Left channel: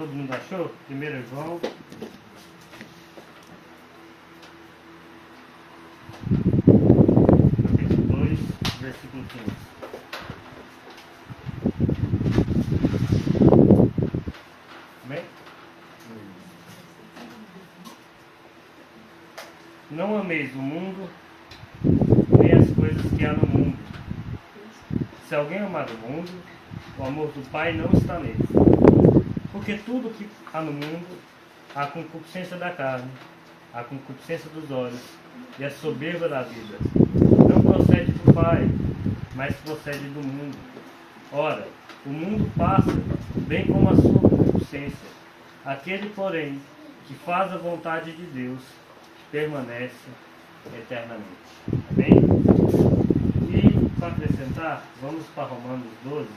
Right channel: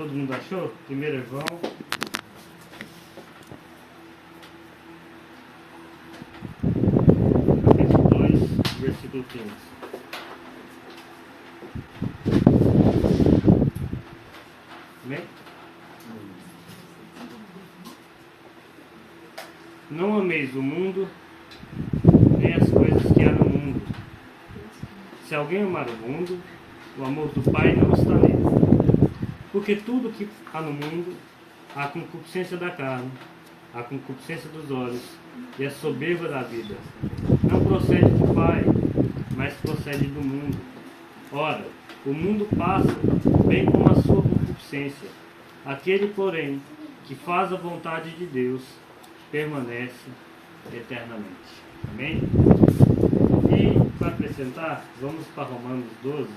Todo mundo achou? 1 João. Capítulo 2, versículo 15. Amém? Não ameis o mundo, nem as coisas que há no mundo. Se alguém amar o mundo, o amor do Pai não está nele. Porque tudo que há no mundo, a concupiscência da carne, a concupiscência dos olhos e a soberba da vida, não procede do Pai, mas procede do mundo. Ora, o mundo passa, bem como a sua concupiscência. Aquele, porém, que faz a vontade de Deus, permanece eternamente. Amém? E, para acrescentar, vamos para Romanos 12.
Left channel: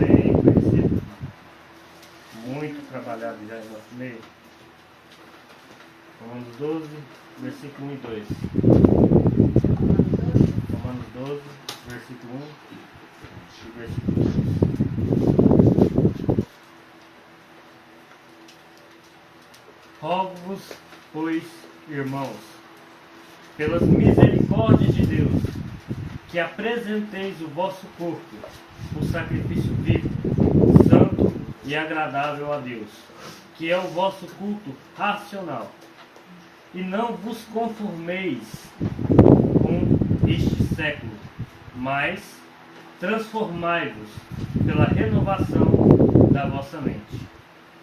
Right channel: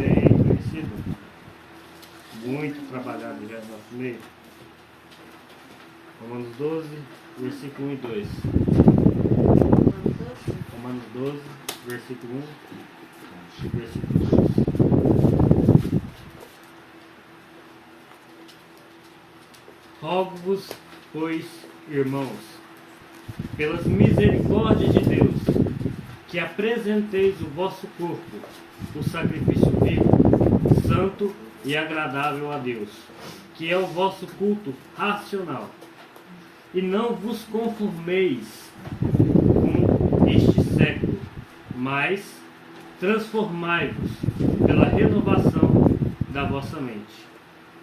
Bem conhecido. Muito trabalhado já no nosso meio. Romanos 12, versículo 1 e 2. Romanos 12, versículo 1 e versículo 2. Rogo-vos, pois, irmãos, pelas misericórdias de Deus, que apresenteis o vosso corpo, o sacrifício vivo, santo e agradável a Deus, que é o vosso culto racional. E não vos conformeis com este século, mas transformai-vos pela renovação da vossa mente,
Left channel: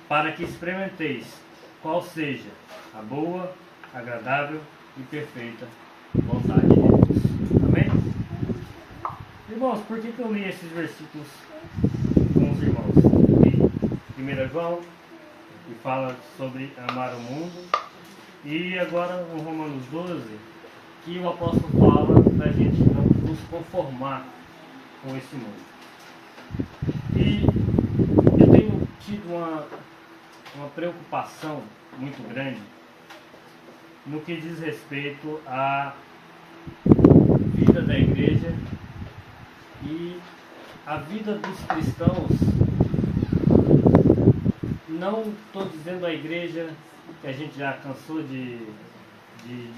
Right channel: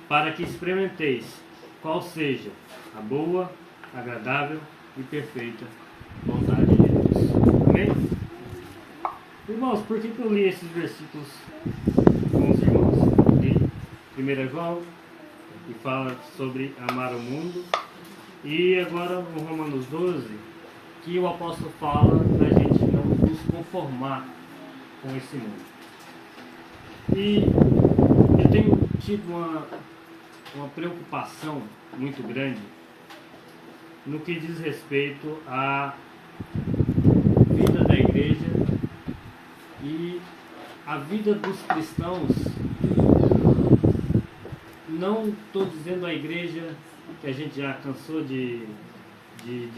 para que experimenteis qual seja a boa, agradável e perfeita vontade de Deus. Amém? Irmãos, por que eu li esses versículos com os irmãos? 1 João, que fala sobre amar o mundo, e agora o Romanos 12, que o apóstolo fala da gente não nos conformar com esse mundo. E eu tenho tido uma preocupação muito grande no que diz respeito à vida da igreja e a vida dos cristãos. Não estou dizendo a igreja que a gente já cansou de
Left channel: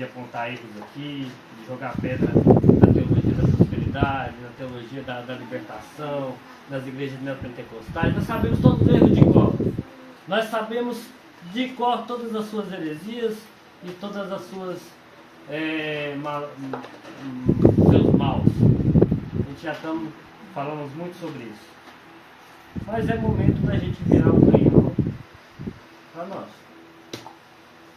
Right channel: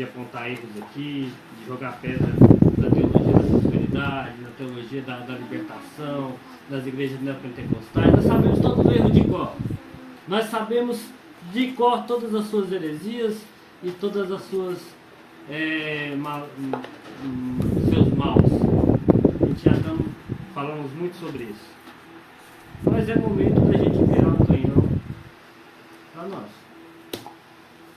apontar erros aqui, de jogar pedra na teologia da prosperidade, na teologia da libertação, das igrejas neopentecostais. Nós sabemos todos os erros de cor. Nós sabemos de cor todas as suas heresias e todas as suas seus maus. A gente já falamos muito sobre isso. Mas é momento da gente virar o canhão para nós.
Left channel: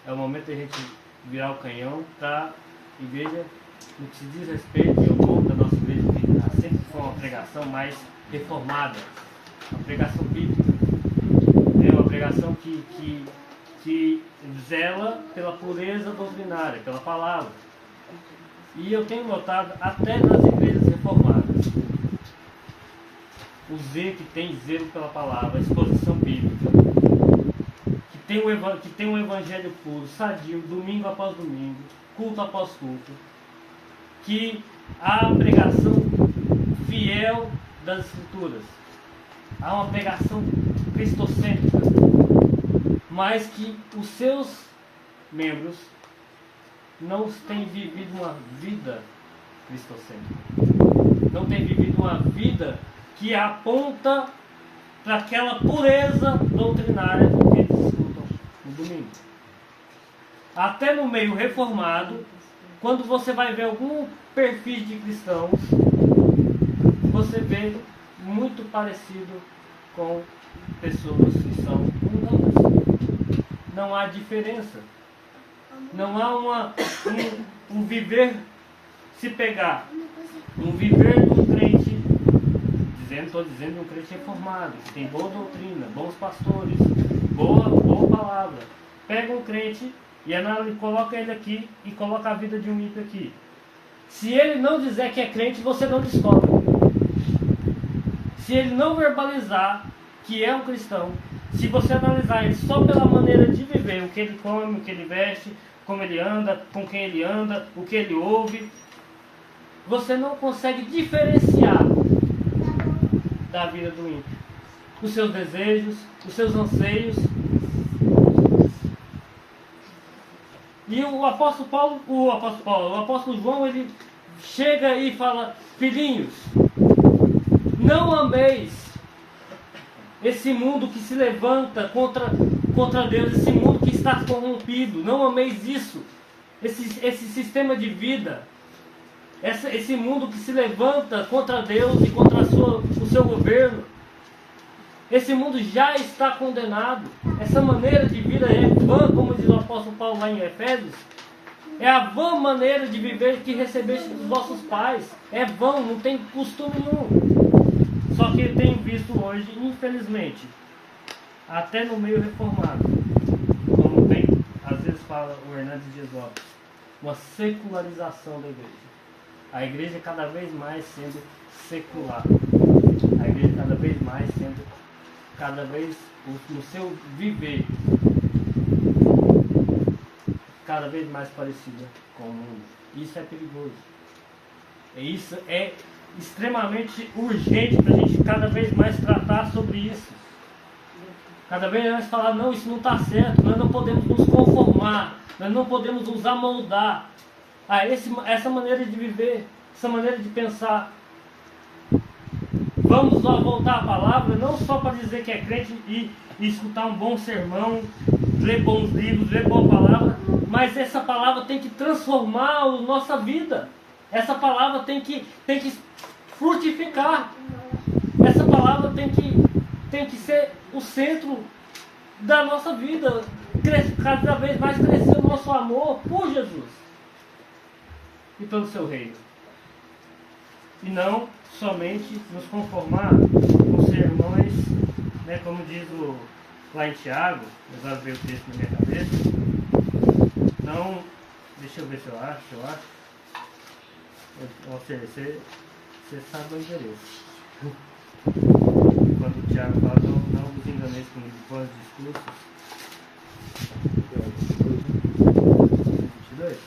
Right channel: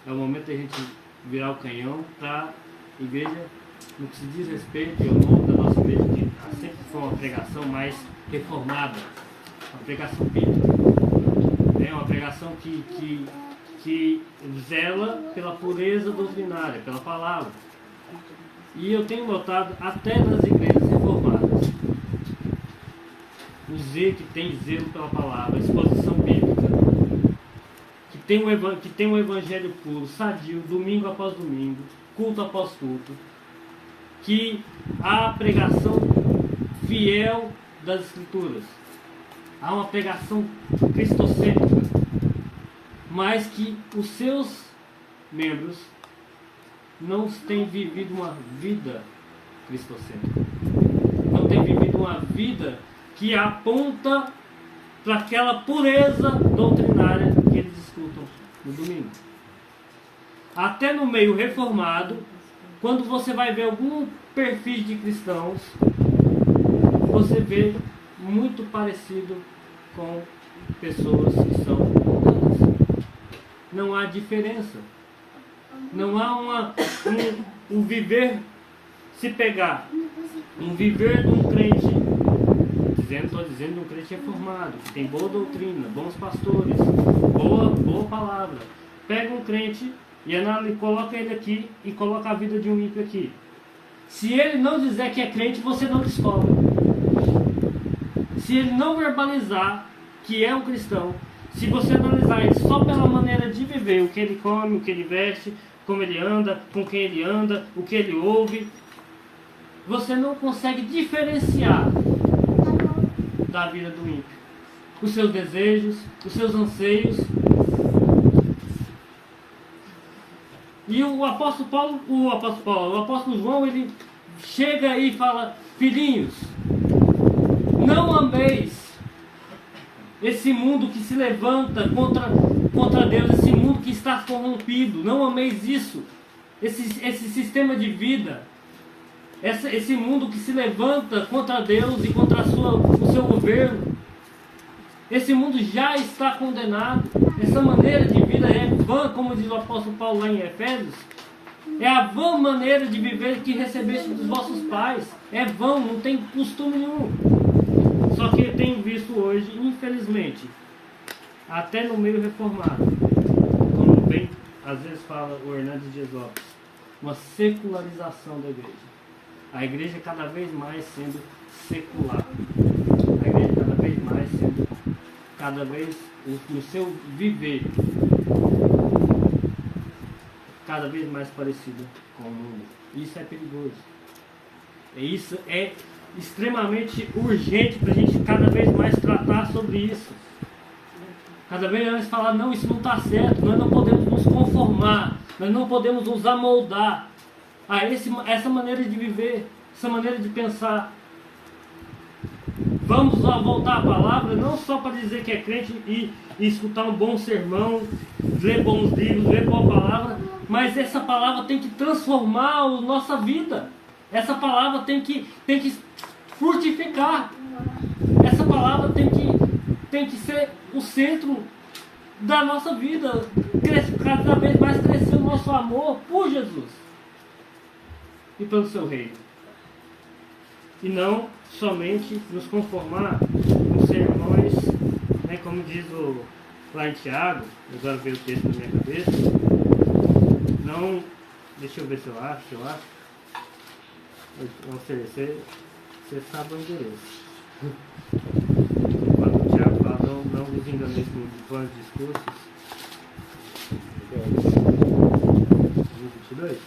É o momento da gente virar o canhão para a igreja, no que se diz respeito ao povo da nossa igreja, que sempre foi uma pregação mais reformada, uma pregação bíblica. É uma pregação que zela pela pureza doutrinária, pela palavra. E eu tenho notado até nas igrejas reformadas o zelo que tem zelo pela palavra, a exposição bíblica, que tem um evangelho puro, sadio, domingo após domingo, culto após culto, que há a pregação fiel das Escrituras, há uma pregação cristocêntrica, mas que os seus membros não têm vivido uma vida cristocêntrica, não têm vivido uma vida que aponta para aquela pureza doutrinária que eles escutam no domingo. Até no meio reformado, quando você vai ver algum perfil de cristãos, você vê muito parecido com pessoas que são humanas. Não há diferença. Não há um viver, se pegar um viver de um crente, estou dizendo um crente reformado, que tem boa doutrina, bons pastores, boa palavra. Pega um crente e coloca ele aqui e coloca a vida de um ímpio aqui. Se ele não dizer que é crente, você não descobre. Se ele não verbalizar que é um cristão, se você analisar ele só pela maneira de viver, o que ele come, o que ele veste, como ele anda, com quem ele anda, o que ele ouve, você não consegue diferenciar da vida do ímpio. os seus desejos, os seus anseios. E o apóstolo João, ele chega e fala: filhinhos, não ameis esse mundo que se levanta contra Deus, esse mundo que está corrompido. Não ameis isso, esse sistema de vida, esse mundo que se levanta contra Deus e contra o seu governo. Esse mundo já está condenado. Essa maneira de vida é vã, como diz o apóstolo Paulo lá em Efésios. É a vã maneira de viver que recebeste dos vossos pais. É vão, não tem costume nenhum. Só que eu tenho visto hoje, infelizmente, até no meio reformado, como bem, às vezes fala o Hernandes Dias Lopes, uma secularização da igreja. A igreja cada vez mais sendo secular. A igreja cada vez mais sendo, cada vez no seu viver, cada vez mais parecida com o mundo. Isso é perigoso. E isso é extremamente urgente para a gente cada vez mais tratar sobre isso. Cada vez mais falar: não, isso não está certo, nós não podemos nos conformar, nós não podemos nos amoldar a essa maneira de viver, essa maneira de pensar. Vamos lá voltar à palavra, não só para dizer que é crente e escutar um bom sermão, ler bons livros, ler boa palavra, mas essa palavra tem que transformar a nossa vida. Essa palavra tem que frutificar. Essa palavra tem que ser o centro da nossa vida. Cada vez mais crescer o nosso amor por Jesus e pelo seu reino. E não somente nos conformar com sermões, né, como diz lá em Tiago, eu já veio o texto na minha cabeça. Não, deixa eu ver se eu acho. Você sabe o endereço. Quando o Tiago fala: não vos enganeis com vãos discursos. 22.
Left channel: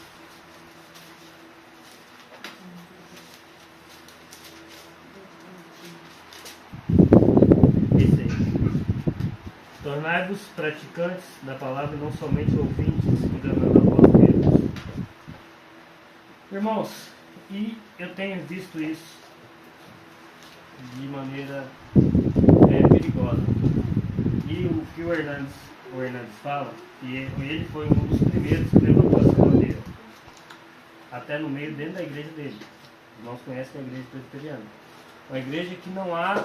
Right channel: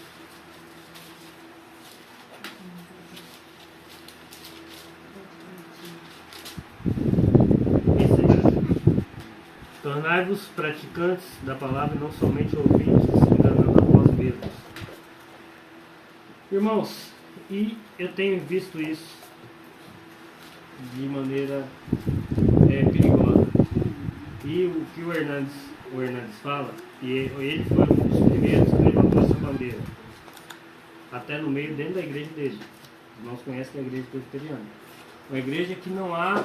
Tornai-vos praticantes da palavra e não somente ouvintes, enganando a vós mesmos. Irmãos, e eu tenho visto isso de maneira perigosa. E o que o Hernandes fala, e ele foi um dos primeiros que levantou essa bandeira, até no meio, dentro da igreja dele. Os irmãos conhecem a igreja presbiteriana. Uma igreja que não há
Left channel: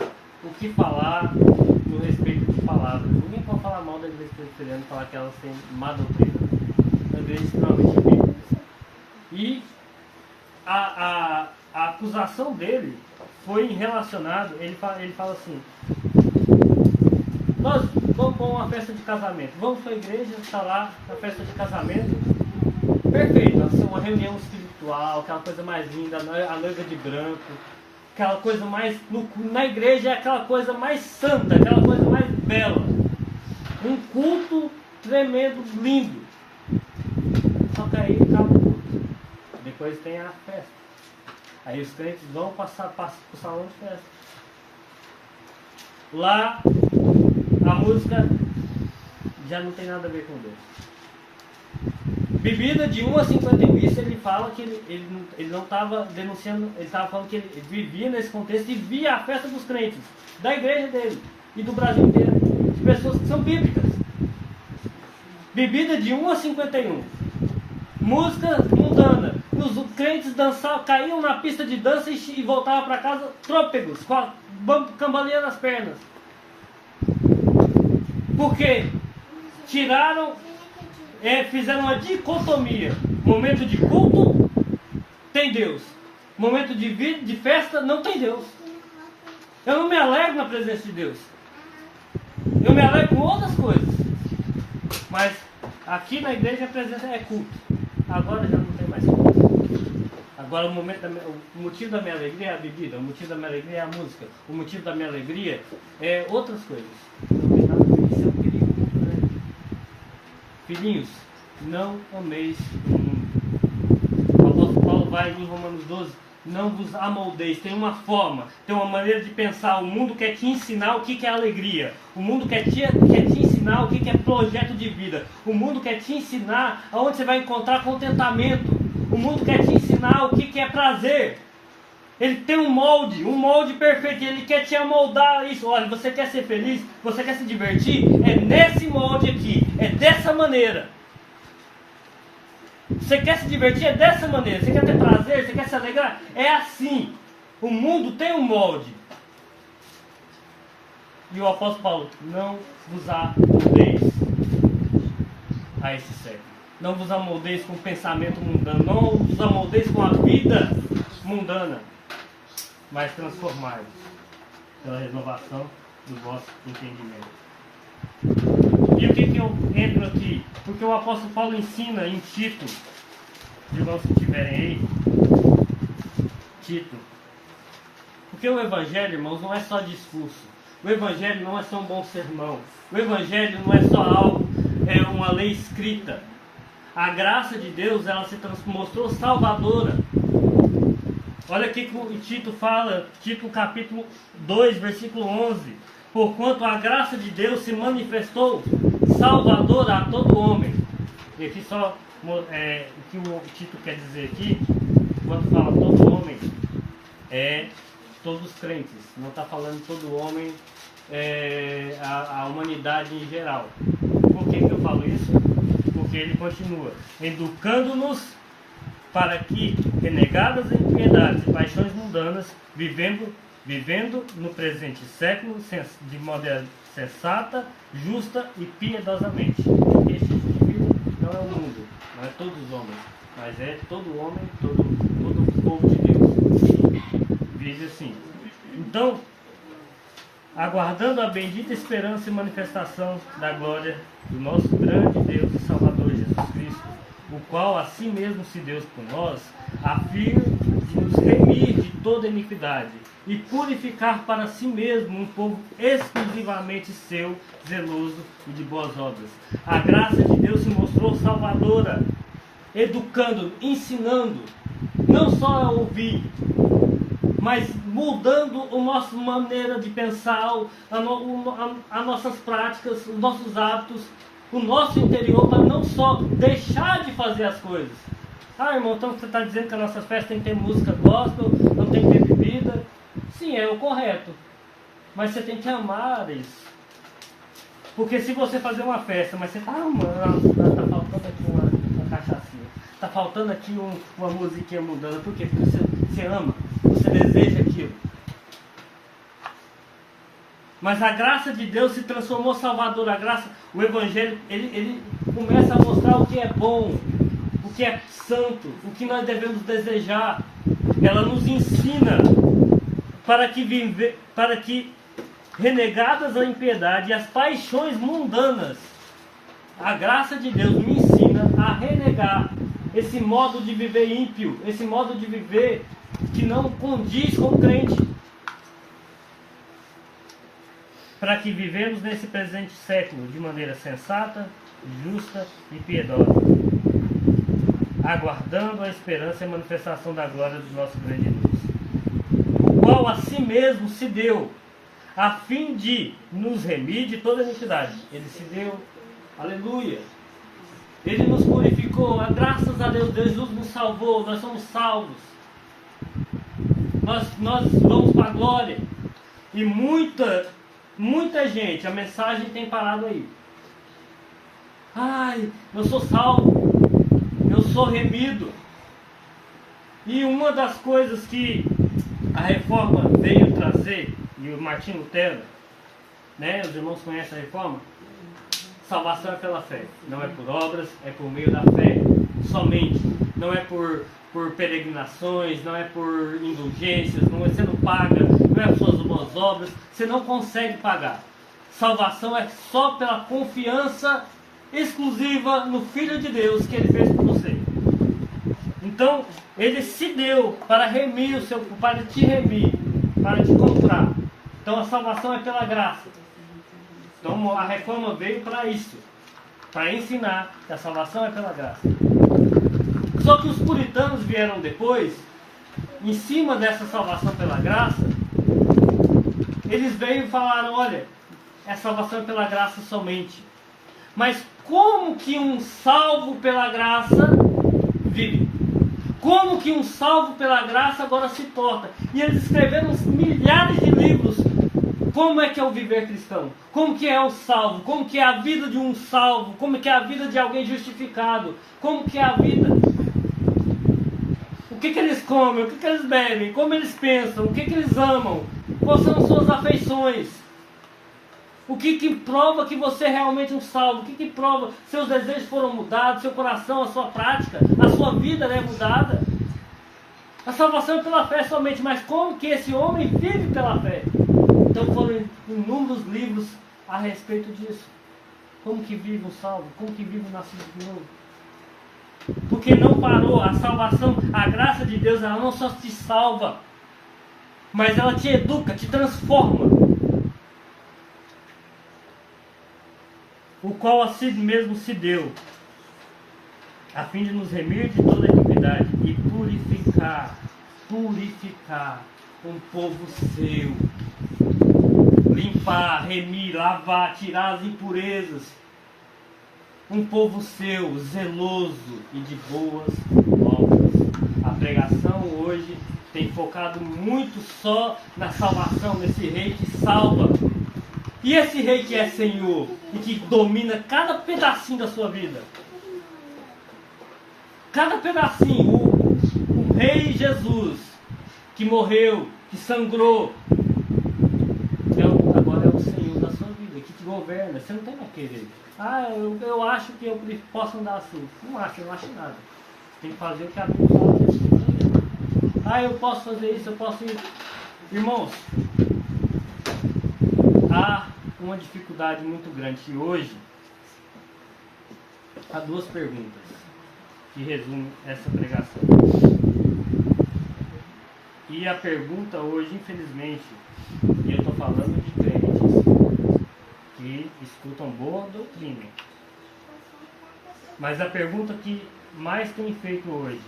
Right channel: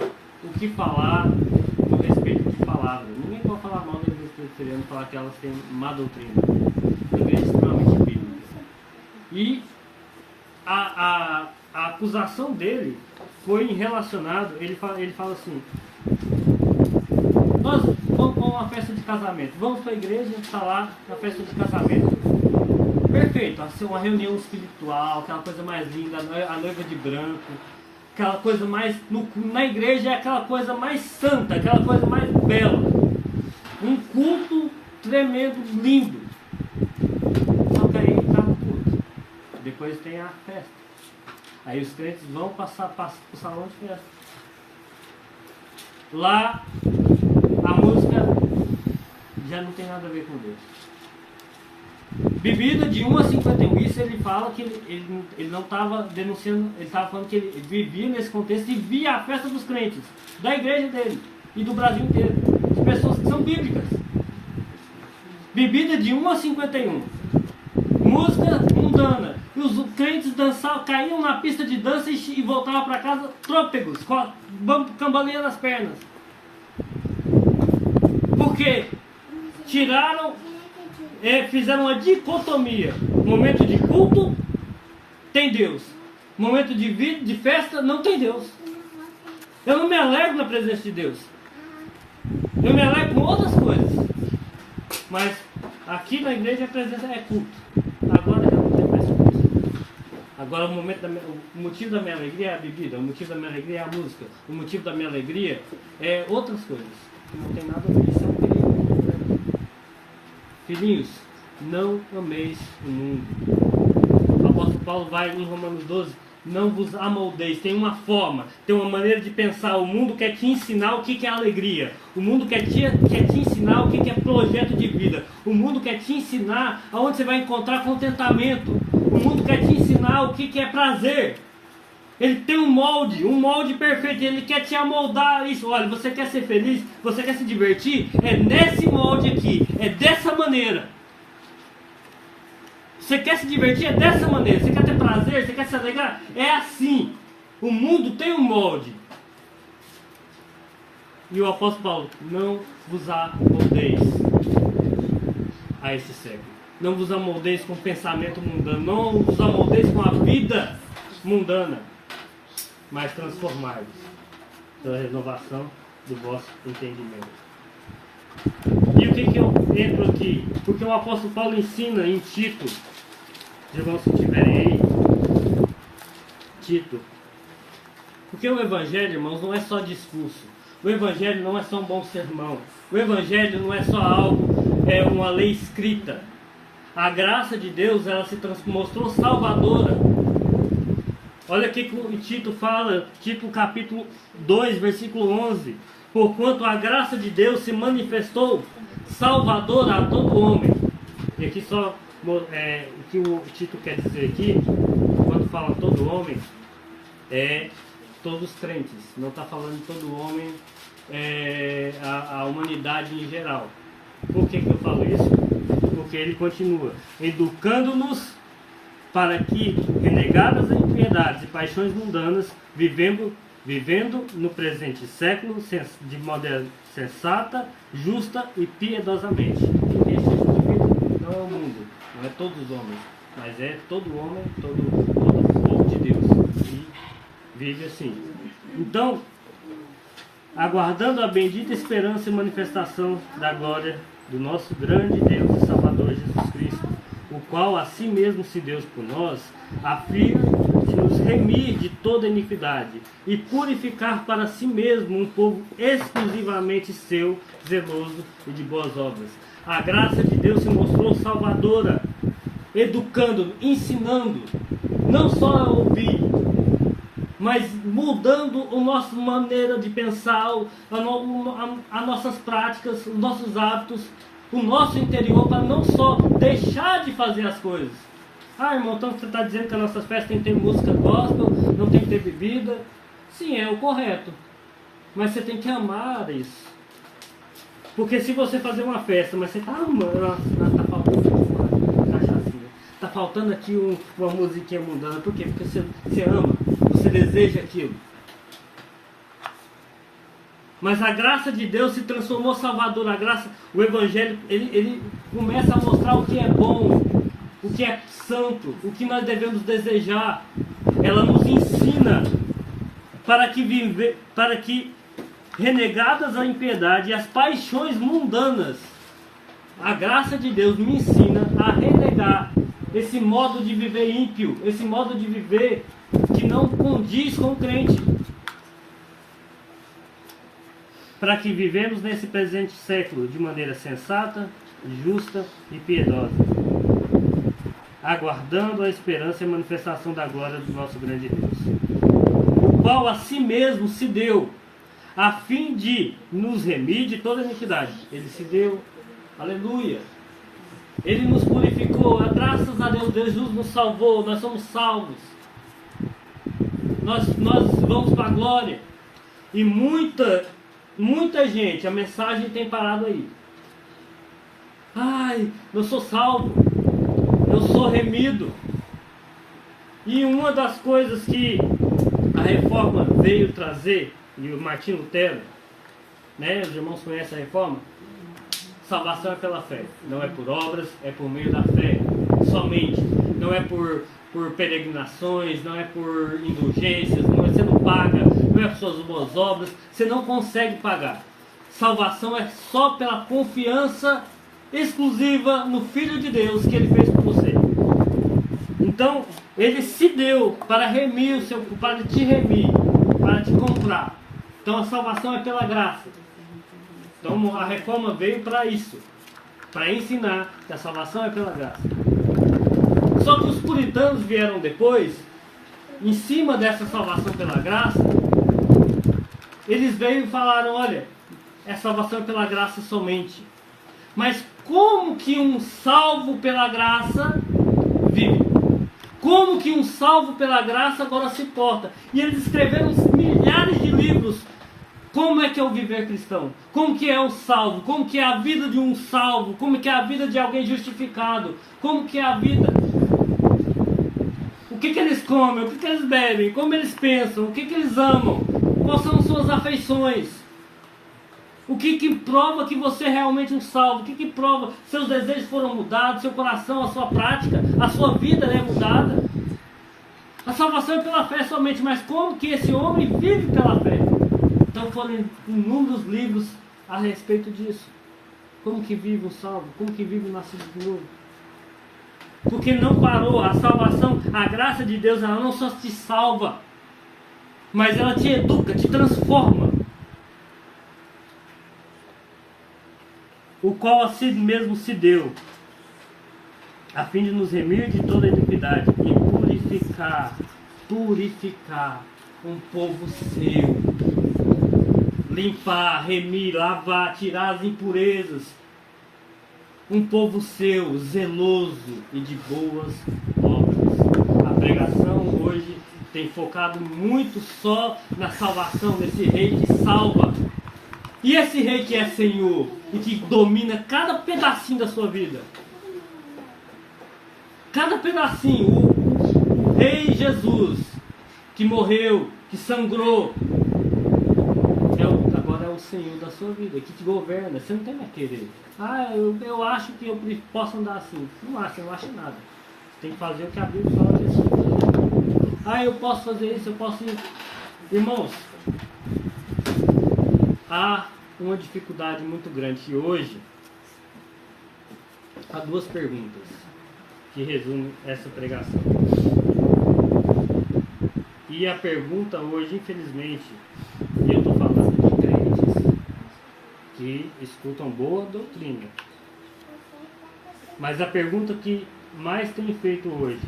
o que falar no respeito de palavra. Ninguém pode falar mal da igreja presbiteriana e falar que elas têm má doutrina. Uma igreja extremamente bíblica. E a acusação dele foi relacionado, ele fala assim: nós vamos para uma festa de casamento, vamos para a igreja, está lá na festa de casamento, perfeito, vai ser uma reunião espiritual, aquela coisa mais linda, a noiva de branco, aquela coisa mais, na igreja é aquela coisa mais santa, aquela coisa mais bela, um culto tremendo, lindo. Só que aí está o culto, depois tem a festa. Aí os crentes vão passar para o salão de festa. Lá a música já não tem nada a ver com Deus. Bebida de 1 a 51. Isso ele fala que ele não estava denunciando, ele estava falando que ele vivia nesse contexto e via a festa dos crentes, da igreja dele e do Brasil inteiro, de pessoas que são bíblicas. Bebida de 1 a 51. Música mundana. Os crentes dançavam, caíam na pista de dança e voltavam para casa trôpegos, com a cambaleia nas pernas. Por quê? Fizeram uma dicotomia. Momento de culto, tem Deus. Momento de festa, não tem Deus. Eu não me alegro na presença de Deus. Eu me alegro com outras coisas. Mas aqui na igreja a presença é culto. Agora já não tem mais culto. Agora o motivo da minha alegria é a bebida, o motivo da minha alegria é a música, o motivo da minha alegria é outras coisas. Não tem nada a ver, isso é um perigo. Filhinhos, não ameis o mundo. O apóstolo Paulo vai em Romanos 12 não vos amoldeis. Tem uma forma, tem uma maneira de pensar. O mundo quer te ensinar o que é alegria. O mundo quer te ensinar o que é projeto de vida. O mundo quer te ensinar aonde você vai encontrar contentamento. O mundo quer te ensinar o que é prazer. Ele tem um molde perfeito. Ele quer te amoldar isso. Olha, você quer ser feliz? Você quer se divertir? É nesse molde aqui. É dessa maneira. Você quer se divertir? É dessa maneira. Você quer ter prazer? Você quer se alegrar? É assim. O mundo tem um molde. E o apóstolo Paulo: não vos amoldeis a esse século. Não vos amoldeis com o pensamento mundano. Não vos amoldeis com a vida mundana. Mas transformai-vos pela renovação do vosso entendimento. E o que eu entro aqui? Porque o apóstolo Paulo ensina em Tito, os irmãos que estiverem aí, Tito. Porque o evangelho, irmãos, não é só discurso. O evangelho não é só um bom sermão. O evangelho não é só algo, é uma lei escrita. A graça de Deus, ela se mostrou salvadora. Olha aqui que o Tito fala, Tito capítulo 2, versículo 11. Porquanto a graça de Deus se manifestou salvadora a todo homem. E aqui só o que o Tito quer dizer aqui, quando fala todo homem, é todos os crentes. Não está falando todo homem, a humanidade em geral. Por que eu falo isso? Porque ele continua educando-nos para que, renegadas as impiedades e paixões mundanas, vivendo no presente século de maneira sensata, justa e piedosamente. Esse tipo de vida não é o mundo, não é todos os homens, mas é todo homem, todo povo de Deus. Vive assim. Então, aguardando a bendita esperança e manifestação da glória do nosso grande Deus e Salvador Jesus Cristo, o qual a si mesmo se deu por nós, a fim de nos remir de toda iniquidade e purificar para si mesmo um povo exclusivamente seu, zeloso e de boas obras. A graça de Deus se mostrou salvadora, educando, ensinando, não só a ouvir, mas mudando a nossa maneira de pensar, as nossas práticas, os nossos hábitos, o nosso interior, para não só deixar de fazer as coisas. Ah, irmão, então você está dizendo que a nossa festa tem que ter música gospel, não tem que ter bebida. Sim, é o correto. Mas você tem que amar isso. Porque se você fazer uma festa, mas você fala, mano, está faltando uma cachaçinha. Está faltando aqui uma musiquinha mundana. Por quê? Porque você ama, você deseja aquilo. Mas a graça de Deus se transformou salvador. A graça, o Evangelho, ele começa a mostrar o que é bom, o que é santo, o que nós devemos desejar. Ela nos ensina para que renegadas a impiedade e as paixões mundanas, a graça de Deus me ensina a renegar esse modo de viver ímpio, esse modo de viver que não condiz com o crente. Para que vivemos nesse presente século de maneira sensata, justa e piedosa, aguardando a esperança e a manifestação da glória do nosso grande Deus, o qual a si mesmo se deu, a fim de nos remir de toda iniquidade. Ele se deu, aleluia, Ele nos purificou, graças a Deus, Jesus nos salvou, nós somos salvos, nós vamos para a glória. E muita gente, a mensagem tem parado aí. Ai, eu sou salvo, eu sou remido. E uma das coisas que a reforma veio trazer, e o Martinho Lutero, né, os irmãos conhecem a reforma? Salvação é pela fé, não é por obras, é por meio da fé somente. Não é por peregrinações, não é por indulgências, você não paga, não é por suas boas obras, você não consegue pagar. Salvação é só pela confiança exclusiva no Filho de Deus que Ele fez por você. Então, Ele se deu para remir para te remir, para te comprar. Então a salvação é pela graça. Então a reforma veio para isso, para ensinar que a salvação é pela graça. Só que os puritanos vieram depois em cima dessa salvação pela graça, eles veio e falaram, olha, é salvação pela graça somente. Mas como que um salvo pela graça vive? Como que um salvo pela graça agora se porta? E eles escreveram milhares de livros. Como é que é o viver cristão? Como que é o salvo? Como que é a vida de um salvo? Como que é a vida de alguém justificado? Como que é a vida? O que eles comem? O que eles bebem? Como eles pensam? O que eles amam? Quais são as suas afeições? O que prova que você é realmente um salvo? O que prova que seus desejos foram mudados, seu coração, a sua prática, a sua vida é mudada? A salvação é pela fé somente, mas como que esse homem vive pela fé? Então foram inúmeros livros a respeito disso. Como que vive um salvo? Como que vive o nascido de novo? Porque não parou. A salvação, a graça de Deus, ela não só te salva, mas ela te educa, te transforma. O qual a si mesmo se deu, a fim de nos remir de toda iniquidade e purificar um povo seu, limpar, remir, lavar, tirar as impurezas, um povo seu, zeloso e de boas obras. A pregação hoje tem focado muito só na salvação desse rei que salva. E esse rei que é Senhor e que domina cada pedacinho da sua vida. Cada pedacinho. O rei Jesus, que morreu, que sangrou, agora é o Senhor da sua vida, que te governa. Você não tem mais querer. Eu acho que eu posso andar assim. Não acho nada. Você tem que fazer o que a Bíblia fala. Eu posso fazer isso, eu posso ir. Irmãos, há uma dificuldade muito grande e hoje há duas perguntas que resumem essa pregação. E a pergunta hoje, infelizmente, e eu estou falando de crentes que escutam boa doutrina, mas a pergunta que mais tem feito hoje:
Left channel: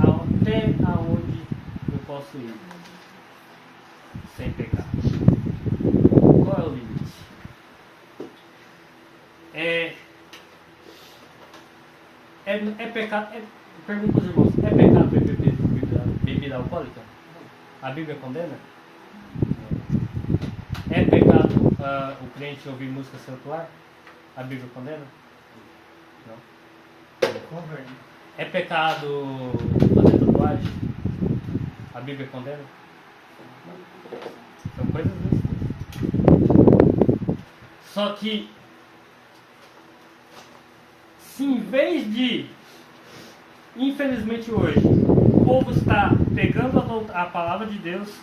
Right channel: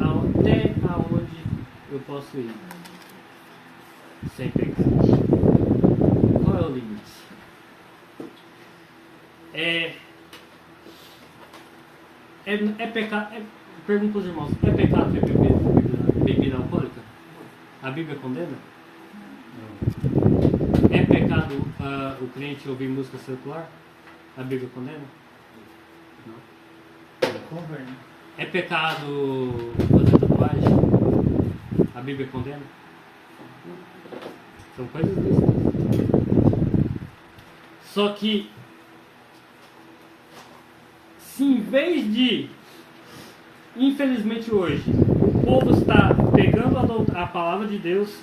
até aonde eu posso ir sem pecar? Qual é o limite? É pecado. Pergunta para os irmãos: é pecado beber bebida alcoólica? A Bíblia condena? É pecado o crente ouvir música secular? A Bíblia condena? Não. É pecado fazer tatuagem? A Bíblia condena? São coisas lícitas. Só que, se em vez de, infelizmente hoje, o povo está pegando a palavra de Deus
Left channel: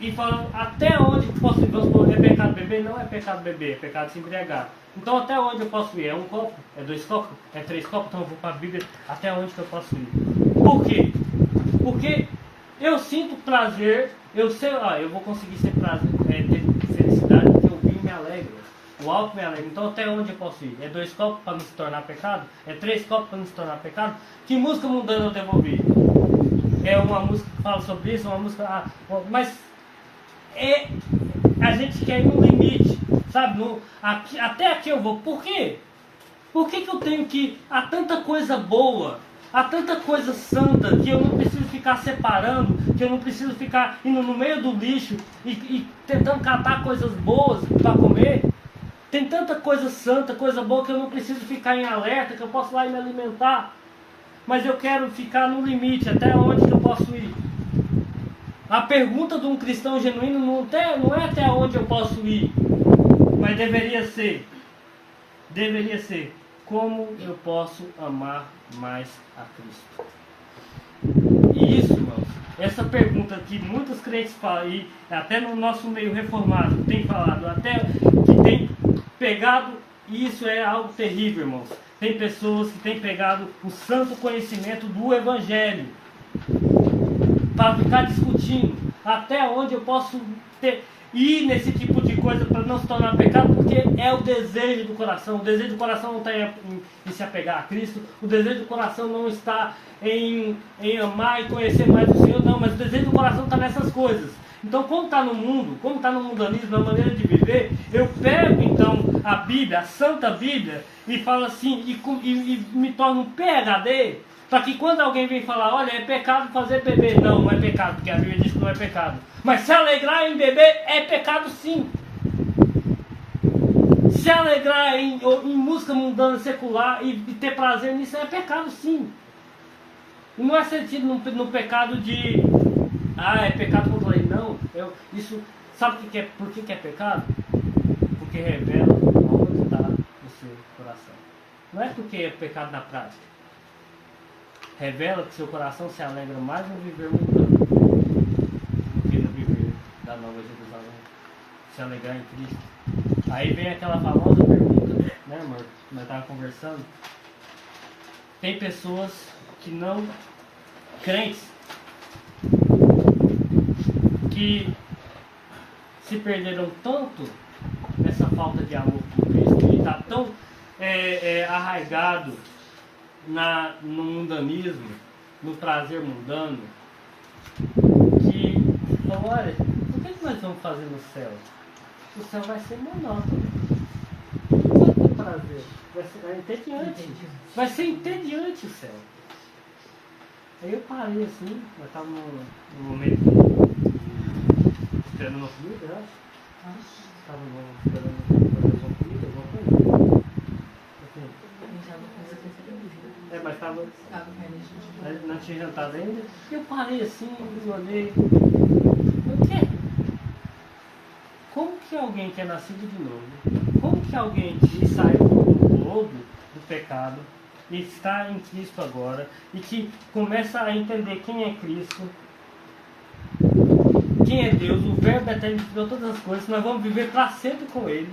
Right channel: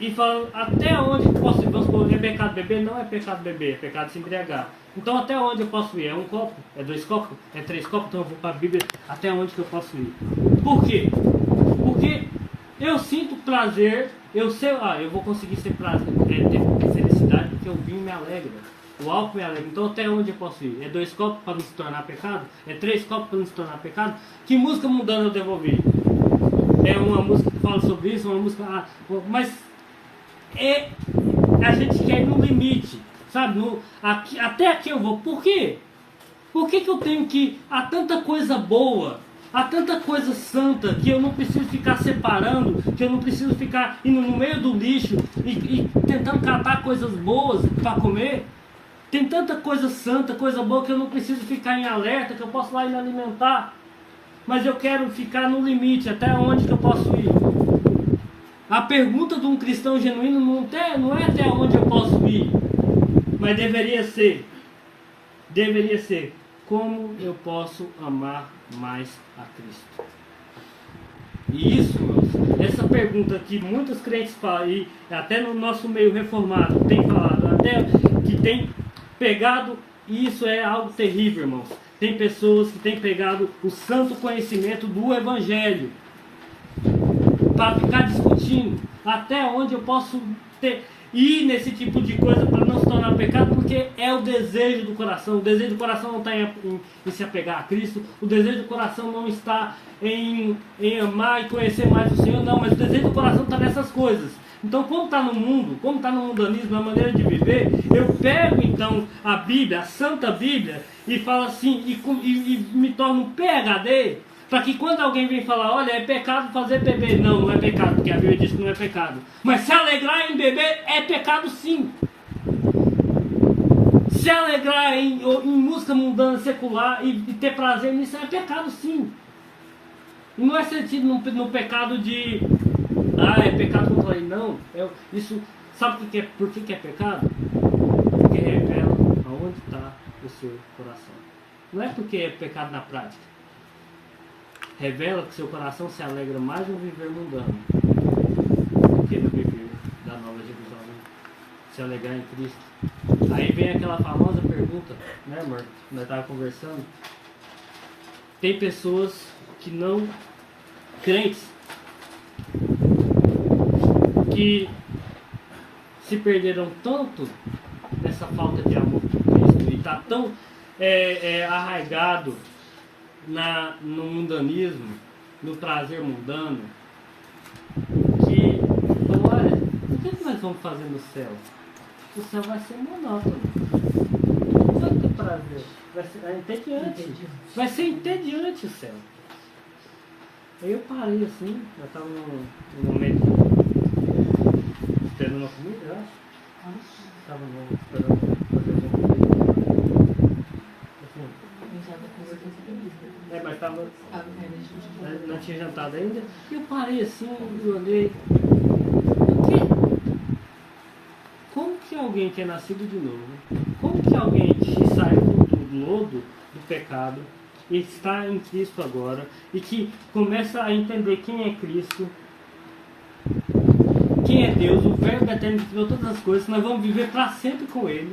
e falando até onde posso ir, é pecado beber? Não é pecado beber, é pecado se embriagar. Então até onde eu posso ir? É um copo? É 2 copos? É 3 copos? Então eu vou para a Bíblia, até onde que eu posso ir? Por quê? Porque eu sinto prazer, eu sei, eu vou conseguir ter felicidade porque o vinho me alegra, o álcool me alegra. Então até onde eu posso ir? É 2 copos para não se tornar pecado? É 3 copos para não se tornar pecado? Que música mundana eu devo ouvir? É uma música que fala sobre isso, uma música... mas a gente quer ir no limite, sabe? Até aqui eu vou. Por quê? Por que eu tenho que ir? Há tanta coisa boa, há tanta coisa santa, que eu não preciso ficar separando, que eu não preciso ficar indo no meio do lixo e tentando catar coisas boas para comer. Tem tanta coisa santa, coisa boa, que eu não preciso ficar em alerta, que eu posso lá e me alimentar. Mas eu quero ficar no limite, até onde que eu posso ir? A pergunta de um cristão genuíno não é até onde eu posso ir, mas deveria ser, como eu posso amar mais a Cristo? E isso, essa pergunta que muitos crentes falam, e até no nosso meio reformado tem falado, até que tem pegado, e isso é algo terrível, irmãos. Tem pessoas que têm pegado o santo conhecimento do Evangelho para ficar discutindo até onde eu posso ter. ir nesse tipo de coisa para não se tornar pecado, porque é o desejo do coração. O desejo do coração não está em se apegar a Cristo, o desejo do coração não está em amar e conhecer mais o Senhor, não, mas o desejo do coração está nessas coisas. Então, como está no mundo, como está no mundanismo, na maneira de viver, eu pego então a Bíblia, a Santa Bíblia, e falo assim, e me torno um PhD, para que quando alguém vem falar, olha, é pecado fazer beber. Não, não é pecado, porque a Bíblia diz que não é pecado. Mas se alegrar em beber é pecado sim. Se alegrar em música mundana, secular, e ter prazer nisso é pecado sim. Não é sentido no pecado de... é pecado contra a lei. Não. Isso, sabe por que é pecado? Porque revela aonde está o seu coração. Não é porque é pecado na prática. Revela que seu coração se alegra mais no viver mundano do que no viver da Nova Jerusalém. Se alegrar em Cristo. Aí vem aquela famosa pergunta, né, amor? Nós estávamos conversando. Tem pessoas que não... crentes que se perderam tanto nessa falta de amor por Cristo e está tão arraigado no mundanismo, no prazer mundano, que então, olha, o que nós vamos fazer no céu? O céu vai ser monótono, não vai ter prazer, vai ser entediante, vai ser entediante o céu. Aí eu parei assim, eu estava no momento esperando uma comida, eu acho. Estava esperando fazer uma comida. Mas estava. Não tinha jantado ainda. Eu parei assim, eu olhei. O quê? Como que alguém que é nascido de novo, como que alguém que saiu do lodo do pecado e está em Cristo agora e que começa a entender quem é Cristo, quem é Deus, o Verbo eterno que criou todas as coisas, nós vamos viver para sempre com Ele,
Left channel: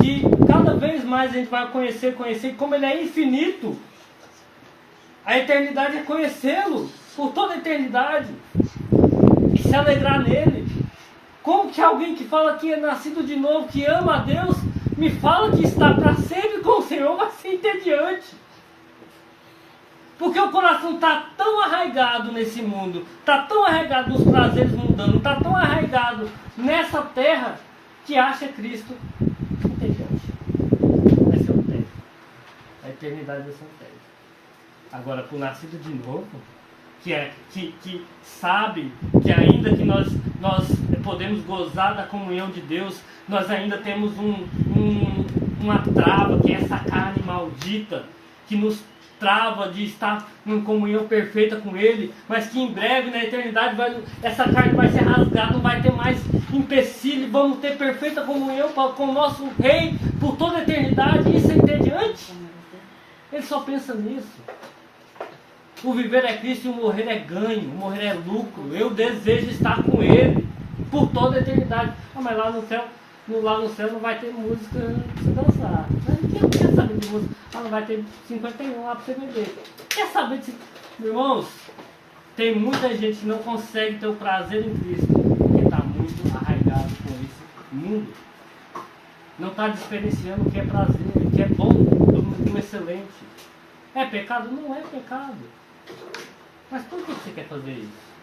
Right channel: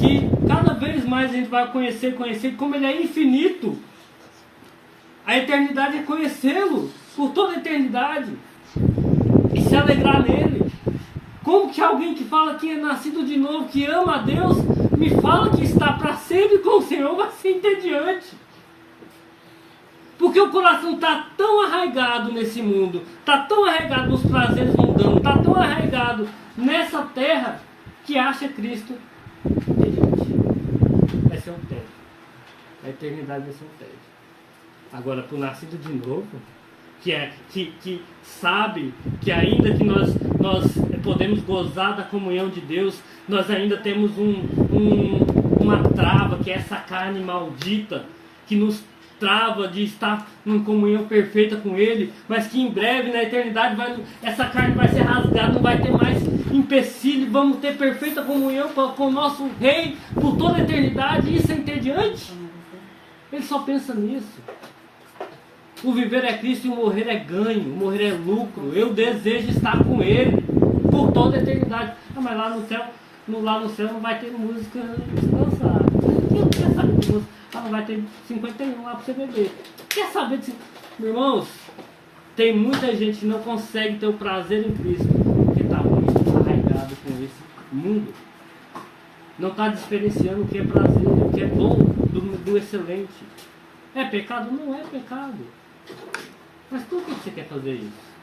que cada vez mais a gente vai conhecer como Ele é infinito. A eternidade é conhecê-lo por toda a eternidade e se alegrar nele. Como que alguém que fala que é nascido de novo, que ama a Deus, me fala que está para sempre com o Senhor, vai ser entediante? Porque o coração está tão arraigado nesse mundo, está tão arraigado nos prazeres mundanos, está tão arraigado nessa terra, que acha Cristo entediante. Vai ser um tempo. A eternidade vai ser um tempo. Agora, para o nascido de novo, que sabe que ainda que nós podemos gozar da comunhão de Deus, nós ainda temos uma trava, que é essa carne maldita, que nos trava de estar em comunhão perfeita com Ele, mas que em breve, na eternidade, essa carne vai ser rasgada, não vai ter mais empecilho, vamos ter perfeita comunhão com o nosso Rei por toda a eternidade. Isso é entediante? Ele só pensa nisso. O viver é Cristo e o morrer é ganho, o morrer é lucro. Eu desejo estar com Ele por toda a eternidade. Mas lá no céu não vai ter música dançar. Quem quer saber de música? Não vai ter 51 lá para você beber. Quer saber de... Irmãos, tem muita gente que não consegue ter o prazer em Cristo porque está muito arraigado com esse mundo. Não está diferenciando o que é prazer, o que é bom do excelente. É pecado? Não é pecado. Mas por que você quer fazer isso?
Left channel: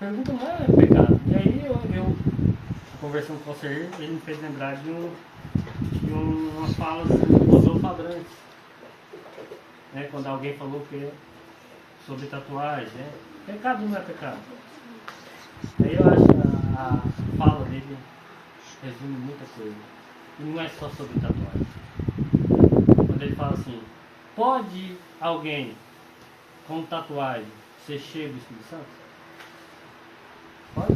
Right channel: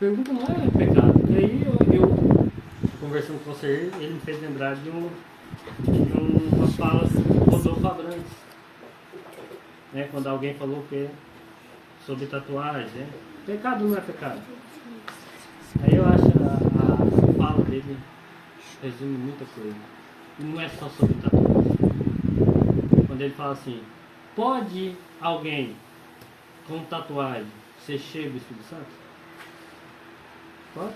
Pergunta não é pecado. E aí eu conversando com você, ele me fez lembrar de umas falas do Rodolfo Abrantes, né? Quando alguém falou que sobre tatuagem, né? Pecado não é pecado. Aí eu acho a fala dele resume muita coisa. E não é só sobre tatuagem. Quando ele fala assim, pode alguém com tatuagem ser cheio do Espírito Santo? Pode?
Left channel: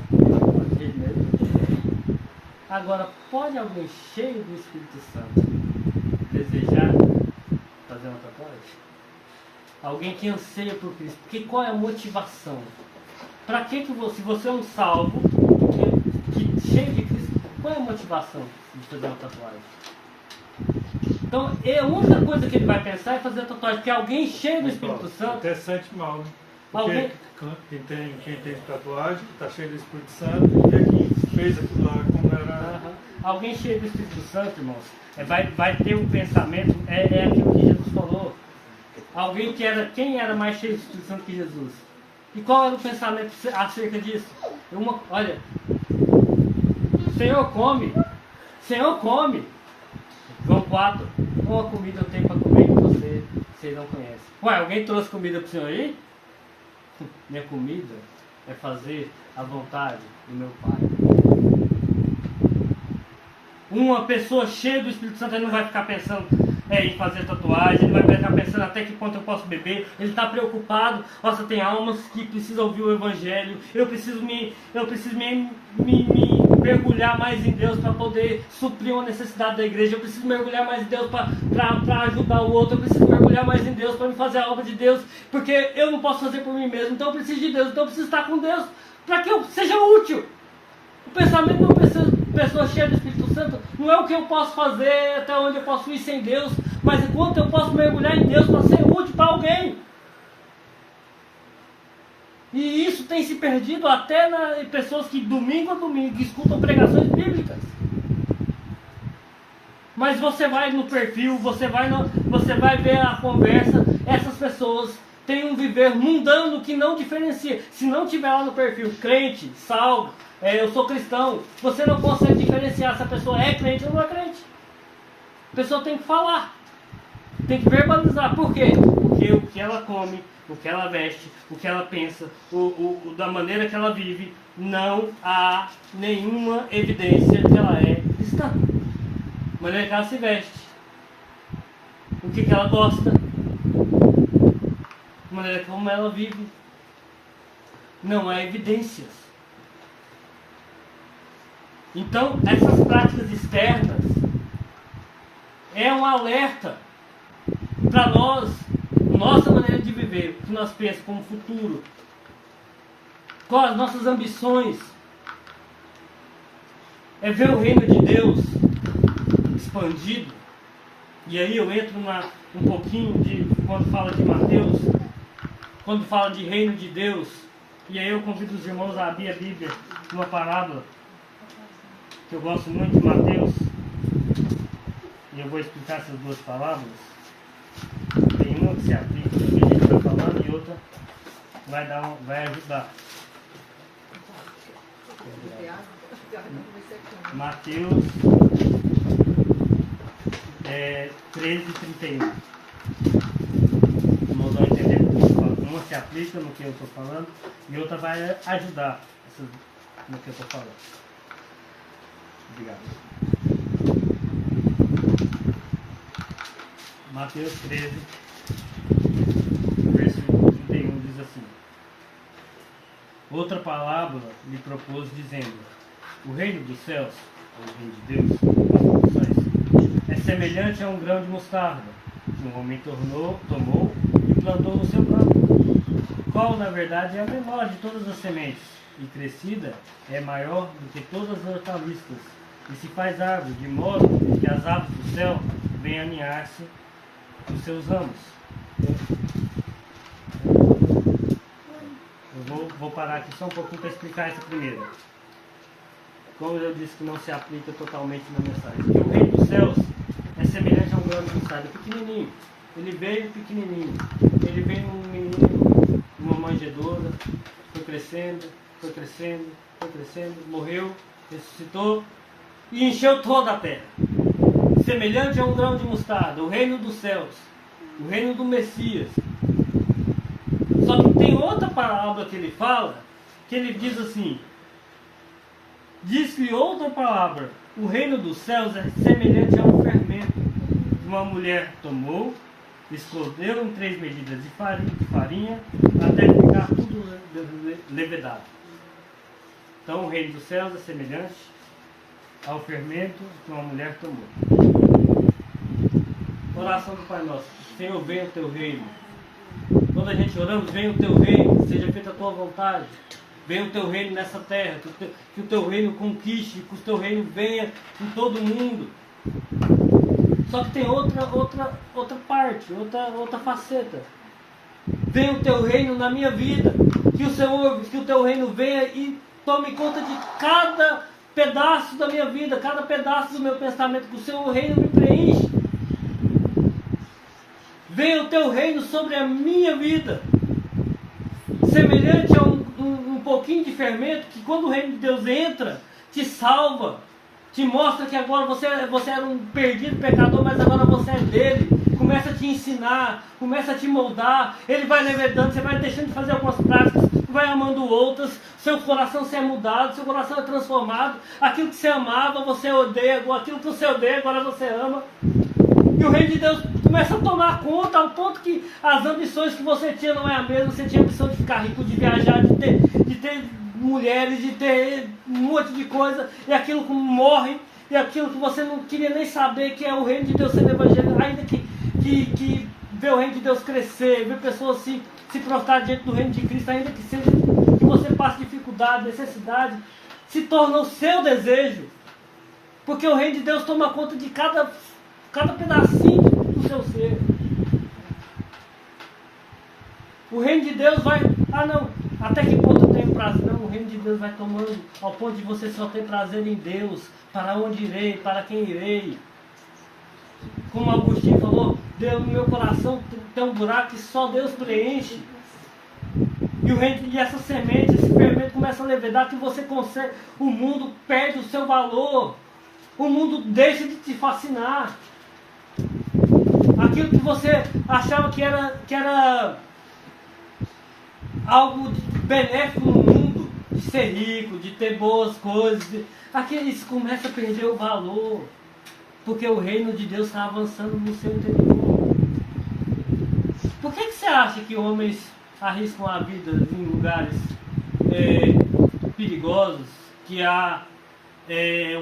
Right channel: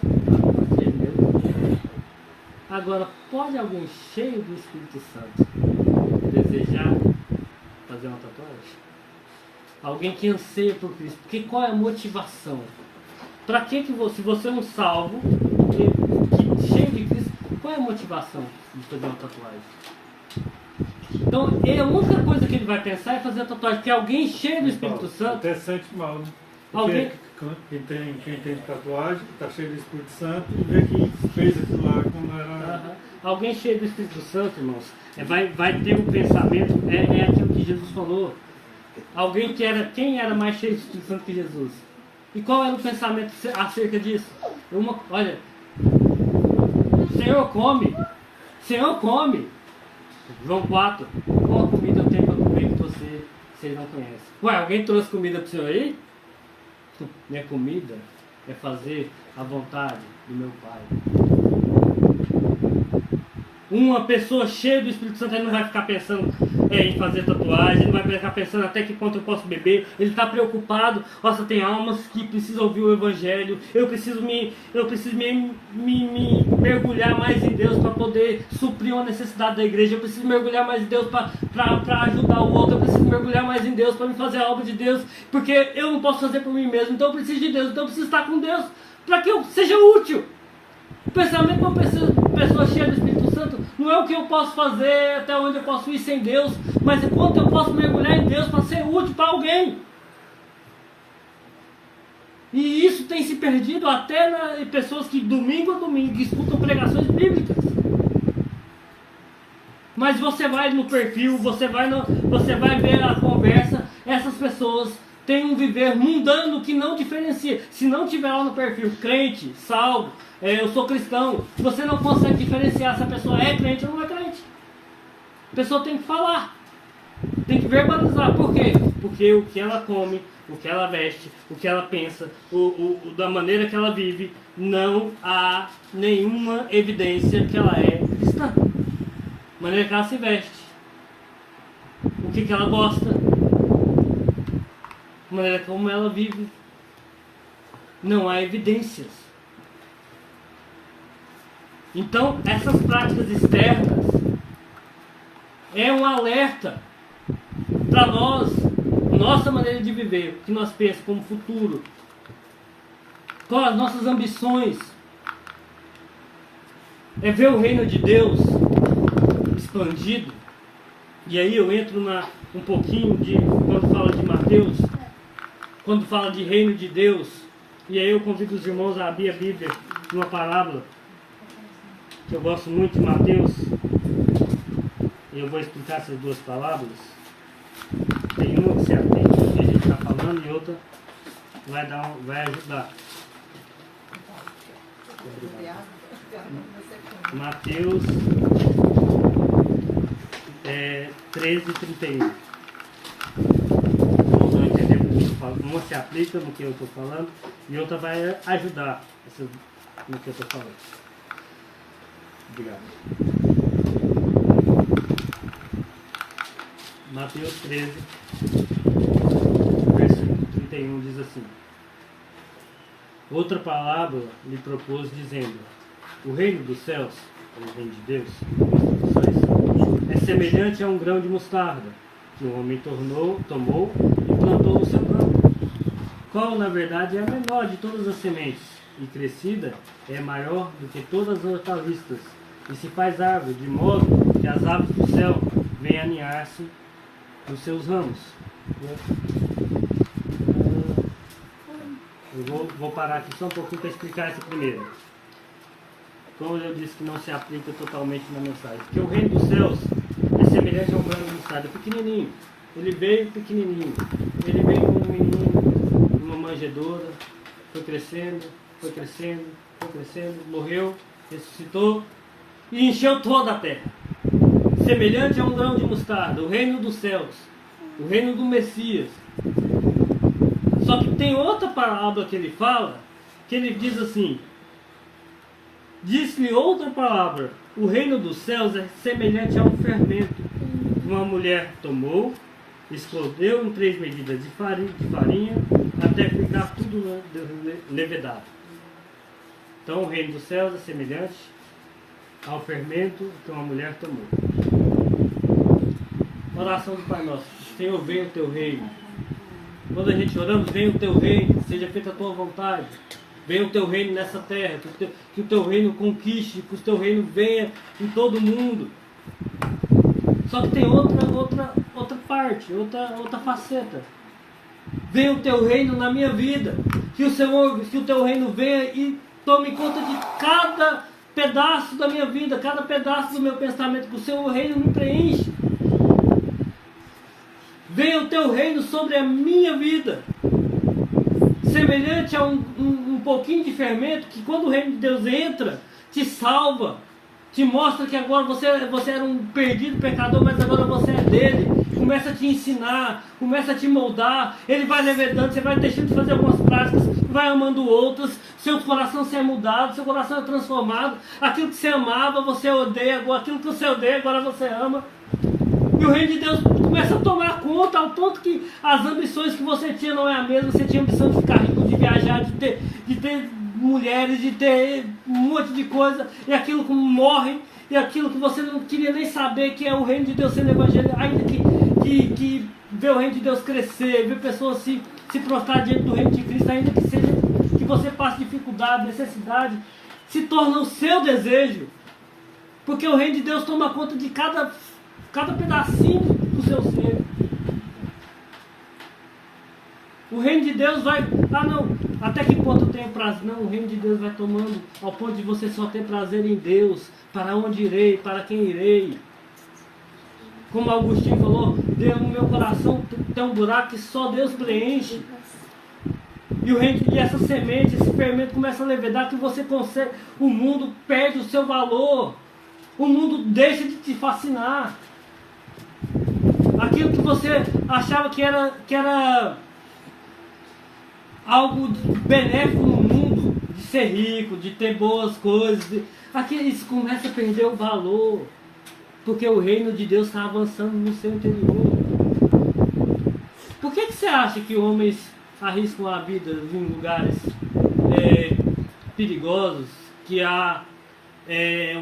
Agora, pode alguém cheio do Espírito Santo desejar fazer uma tatuagem? Alguém que anseia por Cristo. Porque qual é a motivação? Para que você, se você é um salvo, cheio de Cristo, qual é a motivação de fazer uma tatuagem? Então, a única coisa que ele vai pensar é fazer a tatuagem, porque alguém cheio do Espírito Santo... Até sente mal, né? Alguém... Quem tem tatuagem, está cheio do Espírito Santo, vê que fez aquilo lá como era. Alguém cheio do Espírito Santo, irmãos, vai ter um pensamento, é aquilo que Jesus falou. Alguém quem era mais cheio do Espírito Santo que Jesus? E qual era o pensamento acerca disso? Olha, Senhor come. João 4, qual comida eu tenho para comer que você não conhece? Ué, alguém trouxe comida para o Senhor aí? Minha comida é fazer a vontade do meu Pai. Uma pessoa cheia do Espírito Santo, ele não vai ficar pensando em fazer tatuagem, ele não vai ficar pensando até que ponto eu posso beber. Ele está preocupado. Nossa, tem almas que precisam ouvir o Evangelho. Eu preciso me mergulhar mais em Deus para poder suprir uma necessidade da igreja. Eu preciso mergulhar mais em Deus para ajudar o outro. Eu preciso mergulhar mais em Deus para me fazer a obra de Deus, porque eu não posso fazer por mim mesmo. Então eu preciso de Deus. Então eu preciso estar com Deus para que eu seja útil. O pensamento de uma pessoa cheia do Espírito Santo não é o que eu posso fazer, até onde eu posso ir sem Deus, mas é quanto eu posso mergulhar em Deus para ser útil para alguém. E isso tem se perdido até em pessoas que domingo a domingo escutam pregações bíblicas. Mas você vai no perfil, você vai ver a conversa, essas pessoas têm um viver mundano que não diferencia. Se não tiver lá no perfil crente, salvo, eu sou cristão, você não consegue diferenciar se a pessoa é crente ou não é crente. A pessoa tem que falar, tem que verbalizar. Por quê? Porque o que ela come, o que ela veste, o que ela pensa, da maneira que ela vive, não há nenhuma evidência que ela é cristã. A maneira que ela se veste, o que ela gosta, a maneira como ela vive, não há evidências. Então, essas práticas externas é um alerta para nós, nossa maneira de viver, o que nós pensamos como futuro, quais as nossas ambições, é ver o reino de Deus expandido. E aí eu entro um pouquinho de quando fala de Mateus, quando fala de reino de Deus, e aí eu convido os irmãos a abrir a Bíblia numa parábola. Eu gosto muito de Mateus, e eu vou explicar essas duas palavras. Tem uma que se atende ao que a gente está falando e outra vai ajudar. Mateus 13:31. Vamos dar entender o que eu estou falando. Uma se aplica no que eu estou falando e outra vai ajudar no que eu estou falando. Obrigado. Mateus 13, versículo 31 diz assim: outra palavra lhe propôs, dizendo: o reino dos céus, o reino de Deus, é semelhante a um grão de mostarda, que um homem tomou e plantou no seu campo, qual na verdade é a menor de todas as sementes, e crescida é maior do que todas as hortaliças, e se faz árvore, de modo que as aves do céu venham aninhar-se nos seus ramos. Eu vou parar aqui só um pouquinho para explicar essa primeira. Como eu disse que não se aplica totalmente na mensagem. Porque o reino dos céus é semelhante a um grão de mostarda, pequenininho. Ele veio pequenininho. Ele veio num menino, numa manjedoura, foi crescendo, morreu, ressuscitou e encheu toda a terra. Semelhante a um grão de mostarda, o reino dos céus, o reino do Messias. Só que tem outra palavra que ele fala, que ele diz assim: diz-lhe outra palavra, o reino dos céus é semelhante a um fermento que uma mulher tomou, escondeu em 3 medidas de farinha até ficar tudo levedado. Então o reino dos céus é semelhante ao fermento que uma mulher tomou. Oração do Pai Nosso: Senhor, venha o teu reino. Quando a gente oramos, venha o teu reino, seja feita a tua vontade. Venha o teu reino nessa terra, que o teu reino conquiste, que o teu reino venha em todo mundo. Só que tem outra parte, outra faceta. venha o teu reino na minha vida. Que o teu reino venha e tome conta de cada pedaço da minha vida, cada pedaço do meu pensamento, que o seu reino me preenche. Venha o teu reino sobre a minha vida. Semelhante a um pouquinho de fermento, que quando o reino de Deus entra, te salva, te mostra que agora você era um perdido pecador, mas agora você é dele. Começa a te ensinar, começa a te moldar. Ele vai levedando, você vai deixando de fazer algumas práticas, vai amando outras. Seu coração se é mudado, seu coração é transformado. Aquilo que você amava, você odeia. Aquilo que você odeia, agora você ama. E o reino de Deus começa a tomar conta, ao ponto que as ambições que você tinha não é a mesma. Você tinha ambição de ficar rico, de viajar, de ter mulheres, de ter um monte de coisa, e aquilo que morre, e aquilo que você não queria nem saber, que é o reino de Deus sendo evangelho, ainda que ver o reino de Deus crescer, ver pessoas se prostrar diante do reino de Cristo, ainda que seja que você passe dificuldade, necessidade, se torna o seu desejo, porque o reino de Deus toma conta de cada pedacinho do seu ser. O reino de Deus vai... Ah não, até que ponto eu tenho prazer? Não, o reino de Deus vai tomando ao ponto de você só ter prazer em Deus. Para onde irei? Para quem irei? Como Agostinho falou, Deus, no meu coração tem um buraco que só Deus preenche. E o reino de essa semente, esse fermento começa a levedar, que você consegue... O mundo perde o seu valor. O mundo deixa de te fascinar. Aquilo que você achava que era algo benéfico no mundo, de ser rico, de ter boas coisas, isso começa a perder o valor, porque o reino de Deus está avançando no seu interior. Por que você acha que homens arriscam a vida em lugares perigosos, que há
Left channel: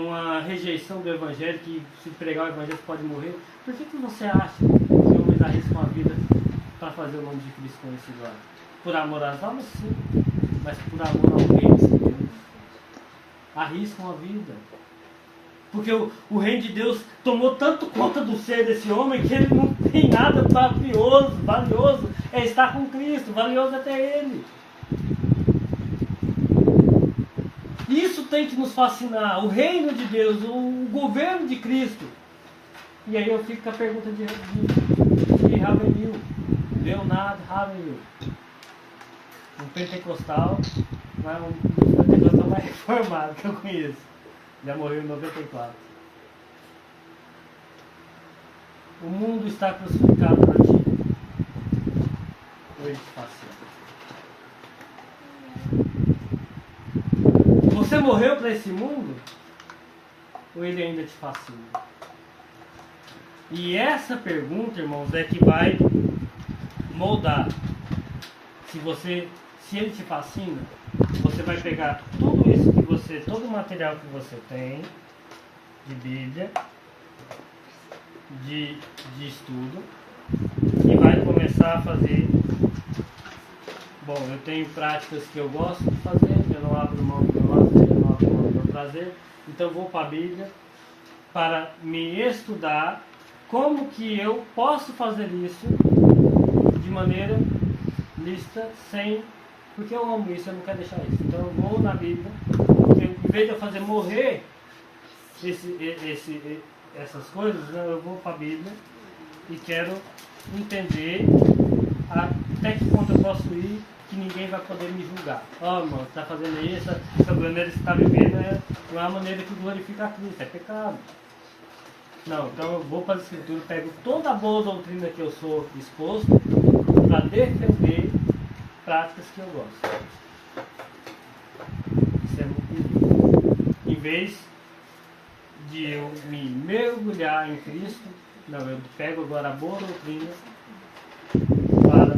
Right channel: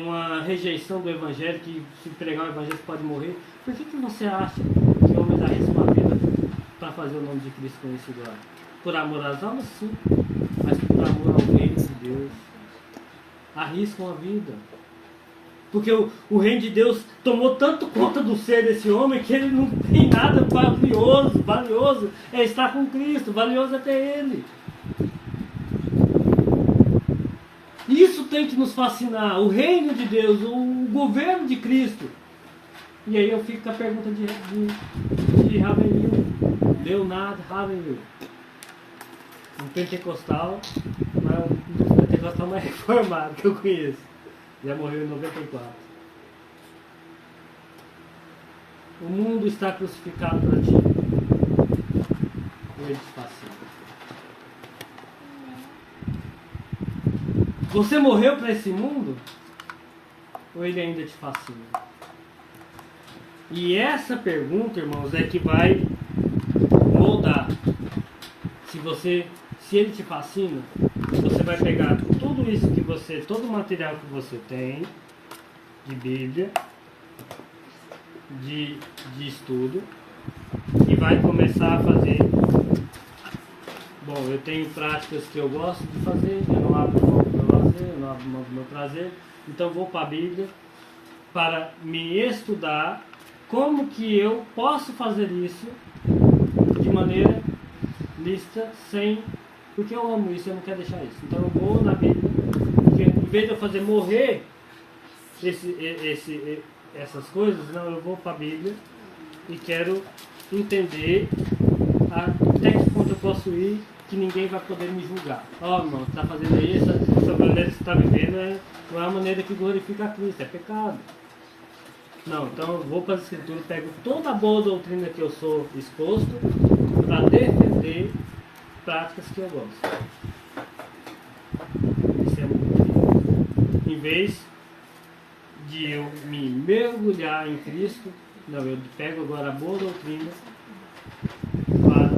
uma rejeição do Evangelho, que se pregar o Evangelho pode morrer? Por que você acha que homens arriscam a vida para fazer o nome de Cristo conhecido lá? Por amor às almas, sim, mas por amor ao reino de Deus. Arriscam a vida. Porque o reino de Deus tomou tanto conta do ser desse homem que ele não tem nada valioso. Valioso é estar com Cristo, valioso é ter Ele. Isso tem que nos fascinar. O reino de Deus, o governo de Cristo. E aí eu fico com a pergunta de Ravenil. Leonardo Ravenil. Um pentecostal, mas um pentecostal mais reformado que eu conheço. Já morreu em 94. O mundo está crucificado para ti. Ele te fascina. Você morreu para esse mundo? Ou ele ainda te fascina? E essa pergunta, irmãos, é que vai moldar. Se ele te fascina, você vai pegar tudo isso que você, todo o material que você tem, de Bíblia, de estudo, e vai começar a fazer. Bom, eu tenho práticas que eu gosto de fazer, eu não abro mão do meu lazer, eu não abro mão do meu prazer, então vou para a Bíblia para me estudar como que eu posso fazer isso de maneira lista, sem... Porque eu amo isso, eu não quero deixar isso. Então eu vou na Bíblia, porque em vez de eu fazer morrer essas coisas, não, eu vou para a Bíblia e quero entender até que ponto eu posso ir, que ninguém vai poder me julgar. Ó, irmão, você está fazendo isso, a maneira que você está vivendo não é a maneira que glorifica a Cristo, é pecado. Não, então eu vou para as Escrituras, pego toda a boa doutrina que eu sou exposto para defender práticas que eu gosto. Isso é muito bom. Em vez de eu me mergulhar em Cristo, não, eu pego agora a boa doutrina para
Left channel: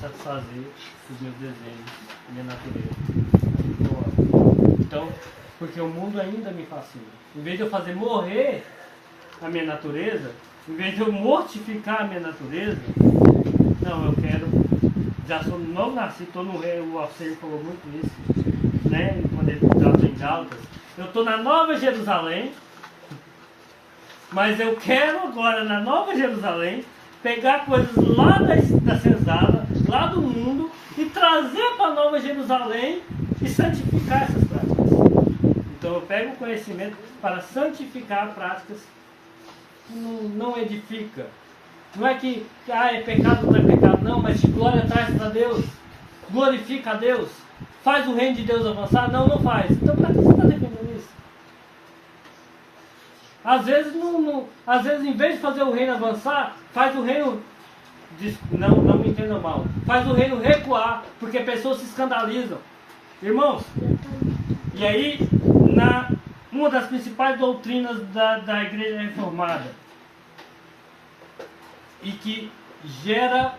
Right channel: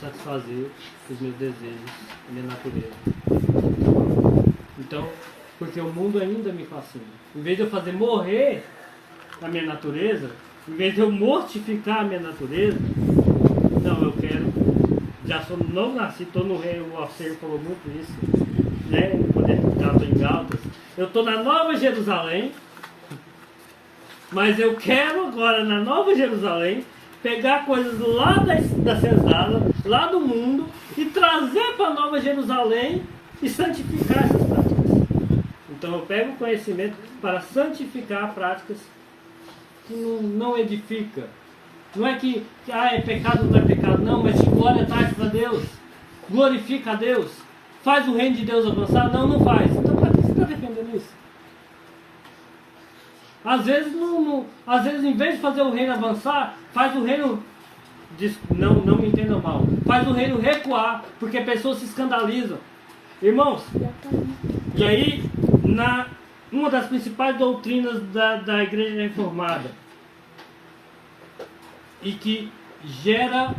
satisfazer os meus desejos, a minha natureza. Então, porque o mundo ainda me fascina. Em vez de eu fazer morrer a minha natureza, em vez de eu mortificar a minha natureza, não, eu quero... Já sou, não nasci, estou no reino, o Alcir falou muito isso, né? Quando ele estava em Gálatas. Eu estou na Nova Jerusalém, mas eu quero agora, na Nova Jerusalém, pegar coisas lá da senzala, lá do mundo, e trazer para Nova Jerusalém e santificar essas práticas. Então eu pego o conhecimento para santificar práticas que não edifica. Não é que é pecado ou não é pecado, não, mas que glória traz para Deus, glorifica a Deus, faz o reino de Deus avançar? Não, não faz. Então para que você está defendendo isso? Às vezes, em vez de fazer o reino avançar, faz o reino, não me entenda mal, faz o reino recuar, porque pessoas se escandalizam. Irmãos, e aí, uma das principais doutrinas da Igreja Reformada, e que gera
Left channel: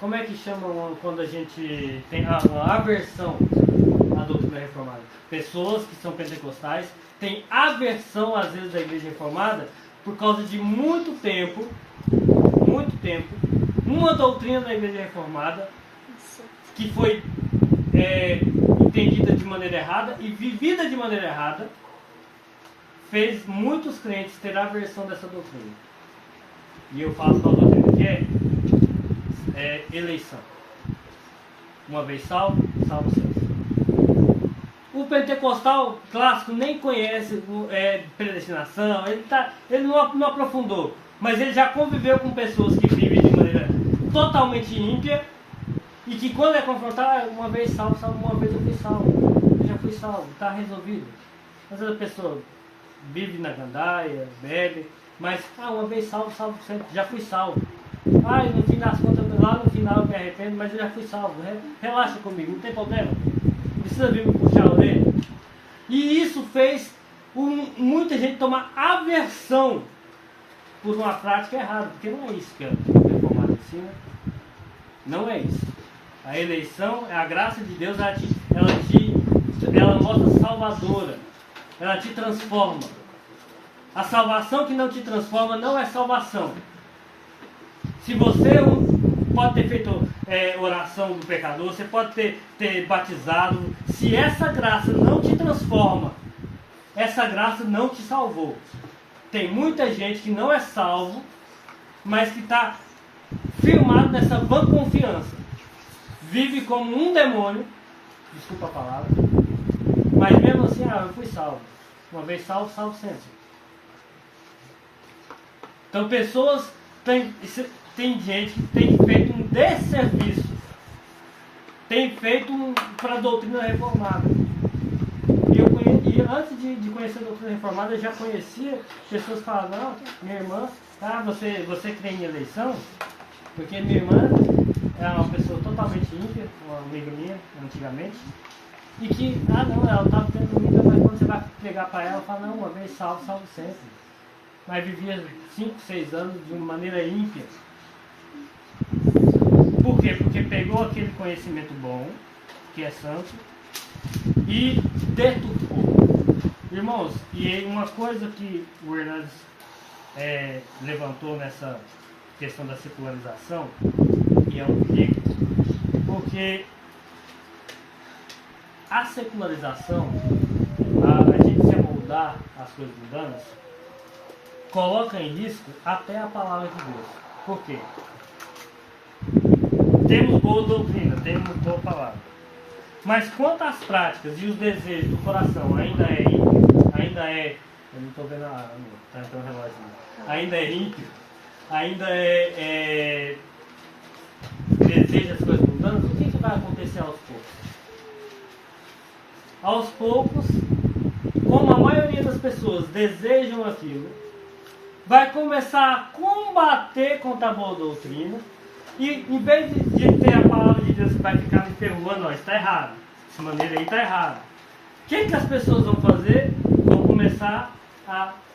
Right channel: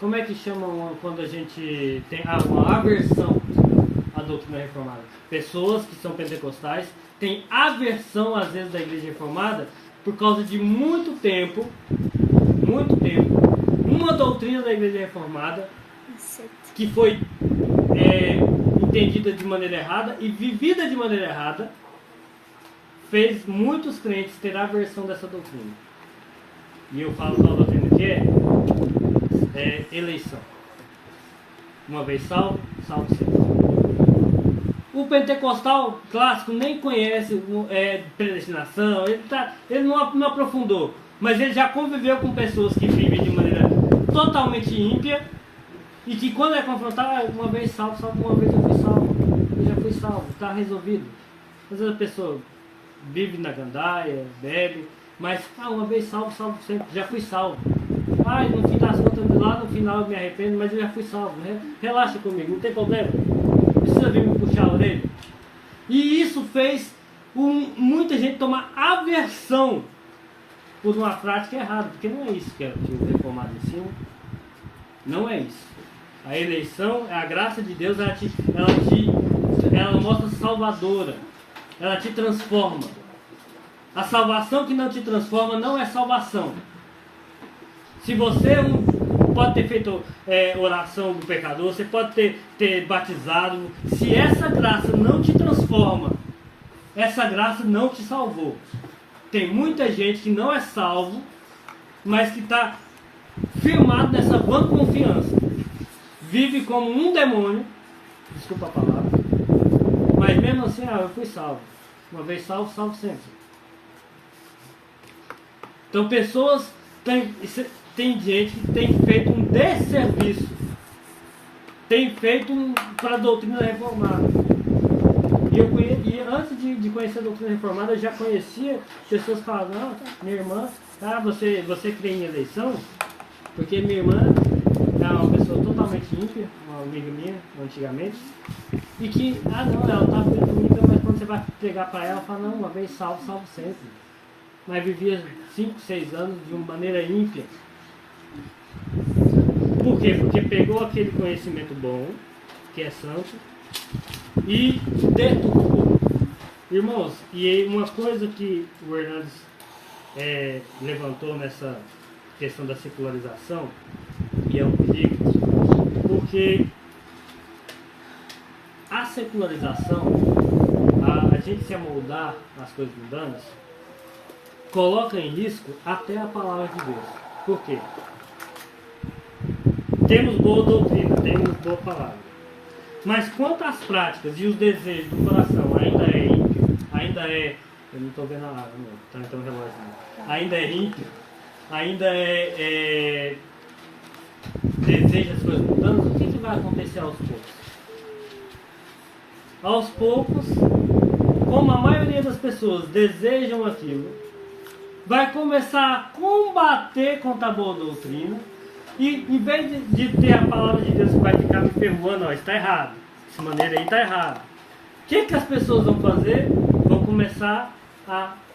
como é que chamam quando a gente tem uma aversão à doutrina reformada? Pessoas que são pentecostais têm aversão às vezes da Igreja Reformada por causa de muito tempo, uma doutrina da Igreja Reformada que foi entendida de maneira errada e vivida de maneira errada, fez muitos crentes ter aversão dessa doutrina. E eu falo qual doutrina que é eleição. Uma vez salvo, salvo sempre. O pentecostal clássico nem conhece predestinação, ele não aprofundou, mas ele já conviveu com pessoas que vivem de maneira totalmente ímpia e que quando é confrontado, uma vez salvo, uma vez eu já fui salvo, está resolvido. Às vezes a pessoa vive na gandaia, bebe, mas uma vez salvo sempre, já fui salvo. No fim das contas, lá no final eu me arrependo, mas eu já fui salvo, né? Relaxa comigo, não tem problema. Precisa vir me puxar a orelha. E isso fez muita gente tomar aversão por uma prática errada, porque não é isso que é reformado em cima. Não é isso. A eleição, a graça de Deus, ela mostra salvadora. Ela te transforma. A salvação que não te transforma não é salvação. Se você pode ter feito oração do pecador, você pode ter batizado, se essa graça não te transforma, essa graça não te salvou. Tem muita gente que não é salvo, mas que está firmado nessa vã confiança. Vive como um demônio, desculpa a palavra, mas mesmo assim, eu fui salvo. Uma vez salvo, salvo sempre. Então pessoas tem gente que tem feito um desserviço, tem feito para a doutrina reformada. E antes de conhecer a doutrina reformada, eu já conhecia pessoas que falavam, não, minha irmã, você crê em eleição? Porque minha irmã era uma pessoa totalmente ímpia, uma amiga minha, antigamente, e que, ela estava dentro, mas quando você vai pregar para ela, fala, não, uma vez salvo, salvo sempre. Mas vivia 5, 6 anos de uma maneira ímpia. Por quê? Porque pegou aquele conhecimento bom, que é santo, e deturpou. Irmãos, e uma coisa que o Hernandes levantou nessa questão da secularização, e é um perigo, porque a secularização, a gente se amoldar às coisas mundanas, coloca em risco até a palavra de Deus. Por quê? Temos boa doutrina, temos boa palavra. Mas quanto às práticas e os desejos do coração ainda é. Eu não estou vendo a área, não. Tá no relógio, não. Ainda é ímpio, ainda deseja as coisas mudantes, o que vai acontecer aos poucos? Aos poucos, como a maioria das pessoas desejam aquilo, vai começar a combater contra a boa doutrina, e em vez de ter a palavra de Deus que vai ficar me perdoando, está errado, dessa maneira aí está errado. O que as pessoas vão fazer? Vão começar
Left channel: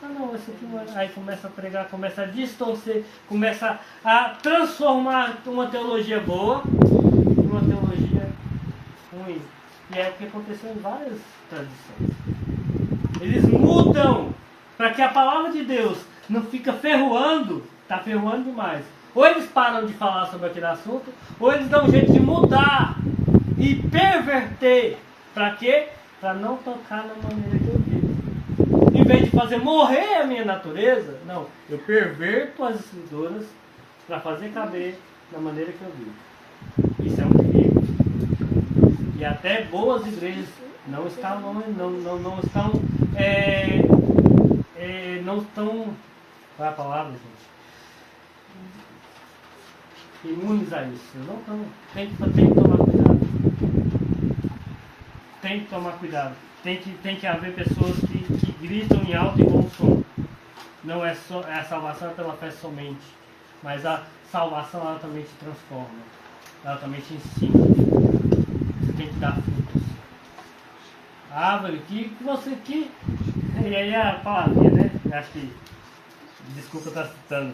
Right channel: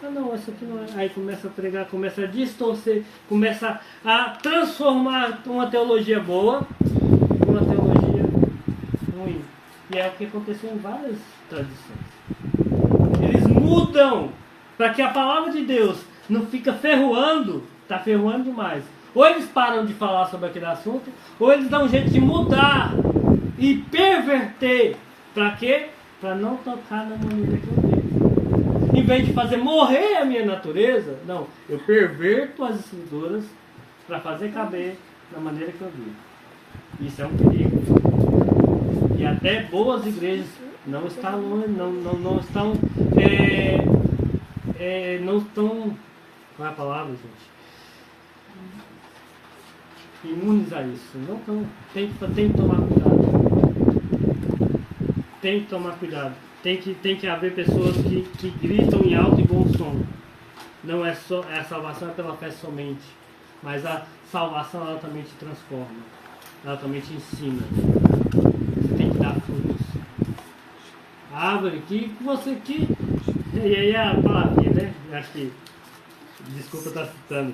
não, isso aqui não é. Aí começa a pregar, começa a distorcer, começa a transformar uma teologia boa numa teologia ruim. E é o que aconteceu em várias tradições. Eles mudam para que a palavra de Deus não fica ferroando, está ferroando demais. Ou eles param de falar sobre aquele assunto, ou eles dão um jeito de mudar e perverter. Para quê? Para não tocar na maneira que eu vejo. Em vez de fazer morrer a minha natureza, não, eu perverto as escrituras para fazer caber da maneira que eu vivo. Isso é um perigo. E até boas igrejas não estão, não estão, não estão, qual é a palavra, gente? Imunes a isso. Não estão, tem que tomar cuidado. Tem que tomar cuidado. Tem que haver pessoas que gritam em alto e bom som. Não é só a salvação é pela fé somente, mas a salvação ela também te transforma, ela também te ensina. Você tem que dar frutos. A árvore que você que e aí a palavrinha, né? Acho que desculpa estar citando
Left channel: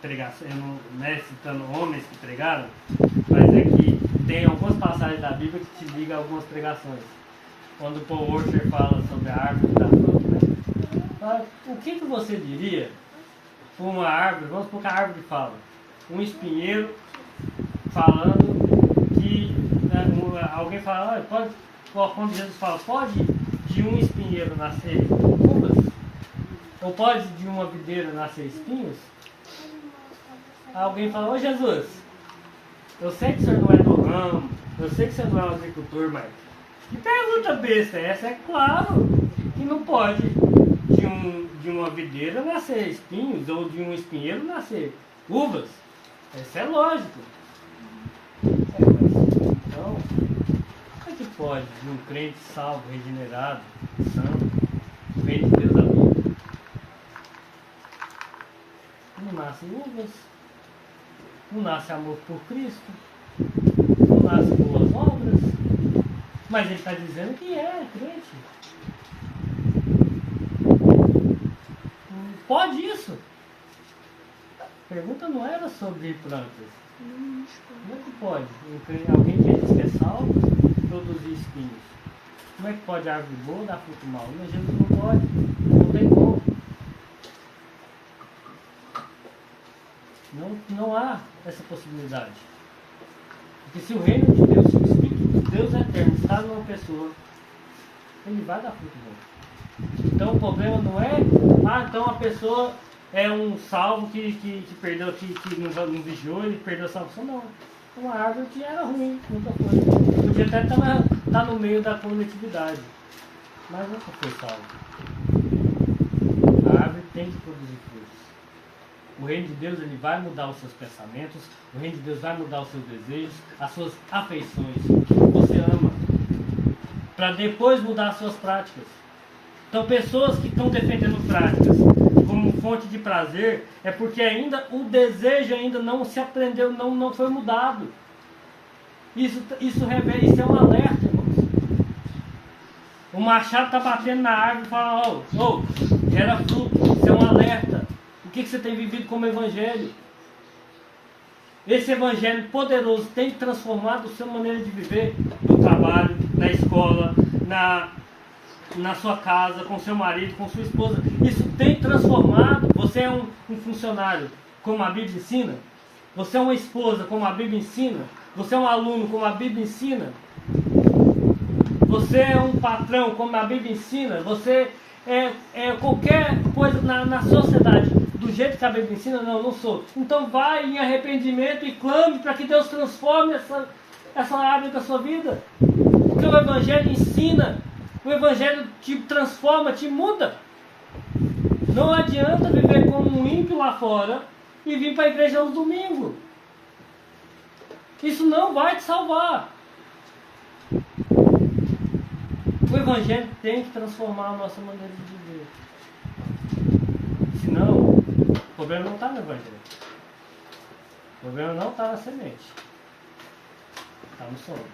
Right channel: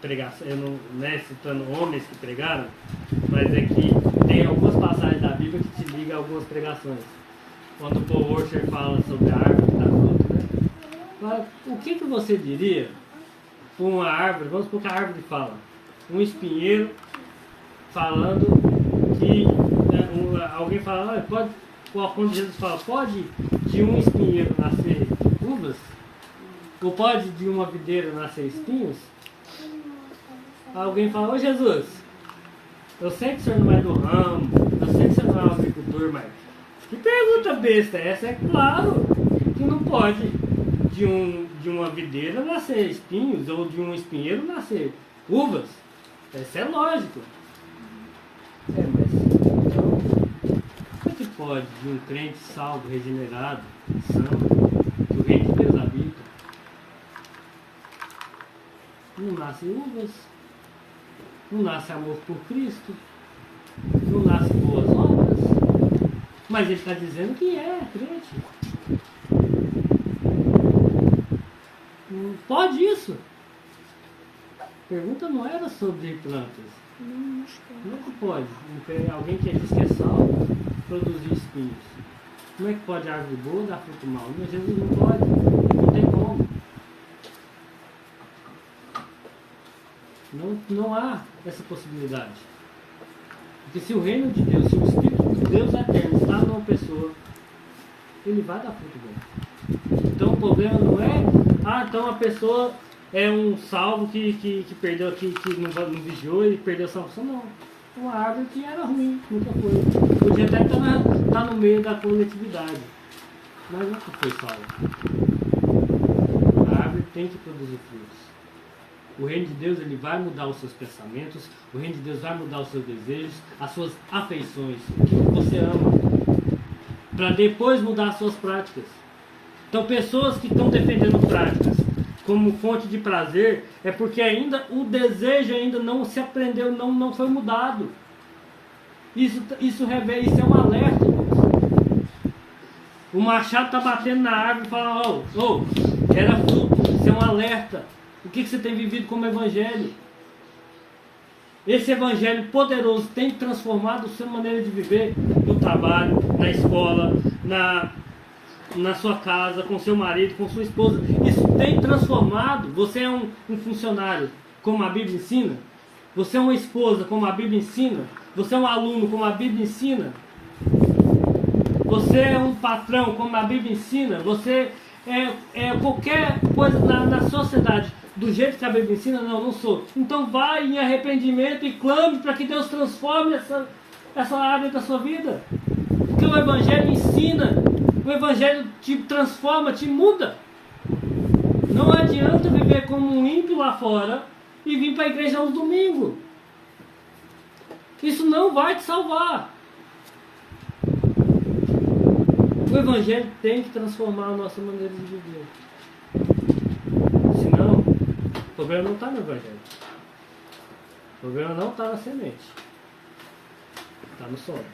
pregação, eu não é citando homens que pregaram, mas é que tem algumas passagens da Bíblia que te ligam a algumas pregações. Quando o Paul Washer fala sobre a árvore da fruta, né? Fala, o que você diria com uma árvore? Vamos supor que a árvore fala, um espinheiro falando que alguém fala, olha, pode, quando Jesus fala, pode de um espinheiro nascer uvas? Ou pode de uma videira nascer espinhos? Alguém fala, ô Jesus, eu sei que o senhor não é do ramo, eu sei que o senhor não é um agricultor, mas que pergunta besta é essa? É claro que não pode de uma videira nascer espinhos ou de um espinheiro nascer uvas. Isso é lógico. Então, como é que pode de um crente salvo, regenerado, santo, do reino de Deus habita? Não nasce uvas, não nasce amor por Cristo, não nasce boas obras, mas ele está dizendo que é crente. Pode isso? A pergunta não era sobre plantas. Como é que pode alguém que diz que é salvo produzir espinhos? Como é que pode a árvore boa dar fruto mau? Mas Jesus não pode, não tem como. Não há essa possibilidade. Porque se o reino de Deus, se o Espírito de Deus eterno está numa pessoa, ele vai dar fruto bom. Então o problema não é, então a pessoa é um salvo que perdeu, que não vigiou e perdeu a salvação. Não. Uma árvore que era ruim, nunca foi. Podia até estar no meio da coletividade, mas nunca foi salvo. A árvore tem que produzir frutos. O reino de Deus ele vai mudar os seus pensamentos, o reino de Deus vai mudar os seus desejos, as suas afeições, o que você ama, para depois mudar as suas práticas. Então pessoas que estão defendendo práticas como fonte de prazer, é porque ainda o desejo ainda não se aprendeu, não foi mudado. Isso revela, isso é um alerta. O machado está batendo na árvore e fala, era fruto, isso é um alerta. O que você tem vivido como evangelho? Esse evangelho poderoso tem transformado a sua maneira de viver no trabalho, na escola, na sua casa, com seu marido, com sua esposa. Isso tem transformado. Você é um funcionário, como a Bíblia ensina. Você é uma esposa, como a Bíblia ensina. Você é um aluno, como a Bíblia ensina. Você é um patrão, como a Bíblia ensina. Você é qualquer coisa na sociedade do jeito que a Bíblia ensina. Não sou. Então vai em arrependimento e clame para que Deus transforme essa área da sua vida. Porque o Evangelho ensina. O Evangelho te transforma, te muda. Não adianta viver como um ímpio lá fora e vir para a igreja aos domingos. Isso não vai te salvar. O Evangelho tem que transformar a nossa maneira de viver. Senão, o problema não está no Evangelho. O problema não está na semente. Está no solo.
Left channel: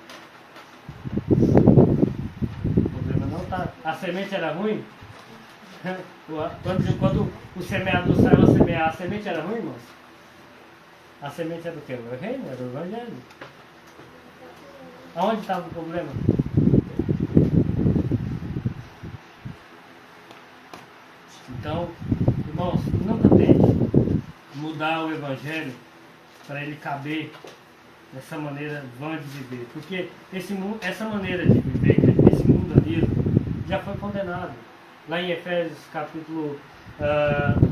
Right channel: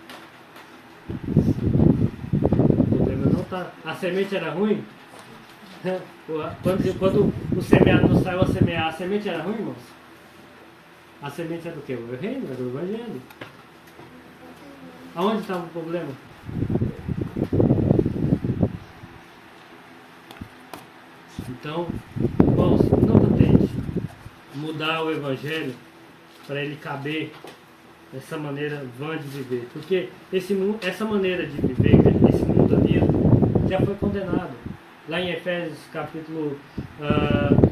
A semente era ruim? Quando o semeador saiu a semear, a semente era ruim, irmãos? A semente era do quê? O reino, era o Evangelho. Aonde estava o problema? Então, irmãos, nunca tente mudar o Evangelho para ele caber dessa maneira vã de viver. Porque essa maneira de viver, esse mundanismo, já foi condenado. Lá em Efésios capítulo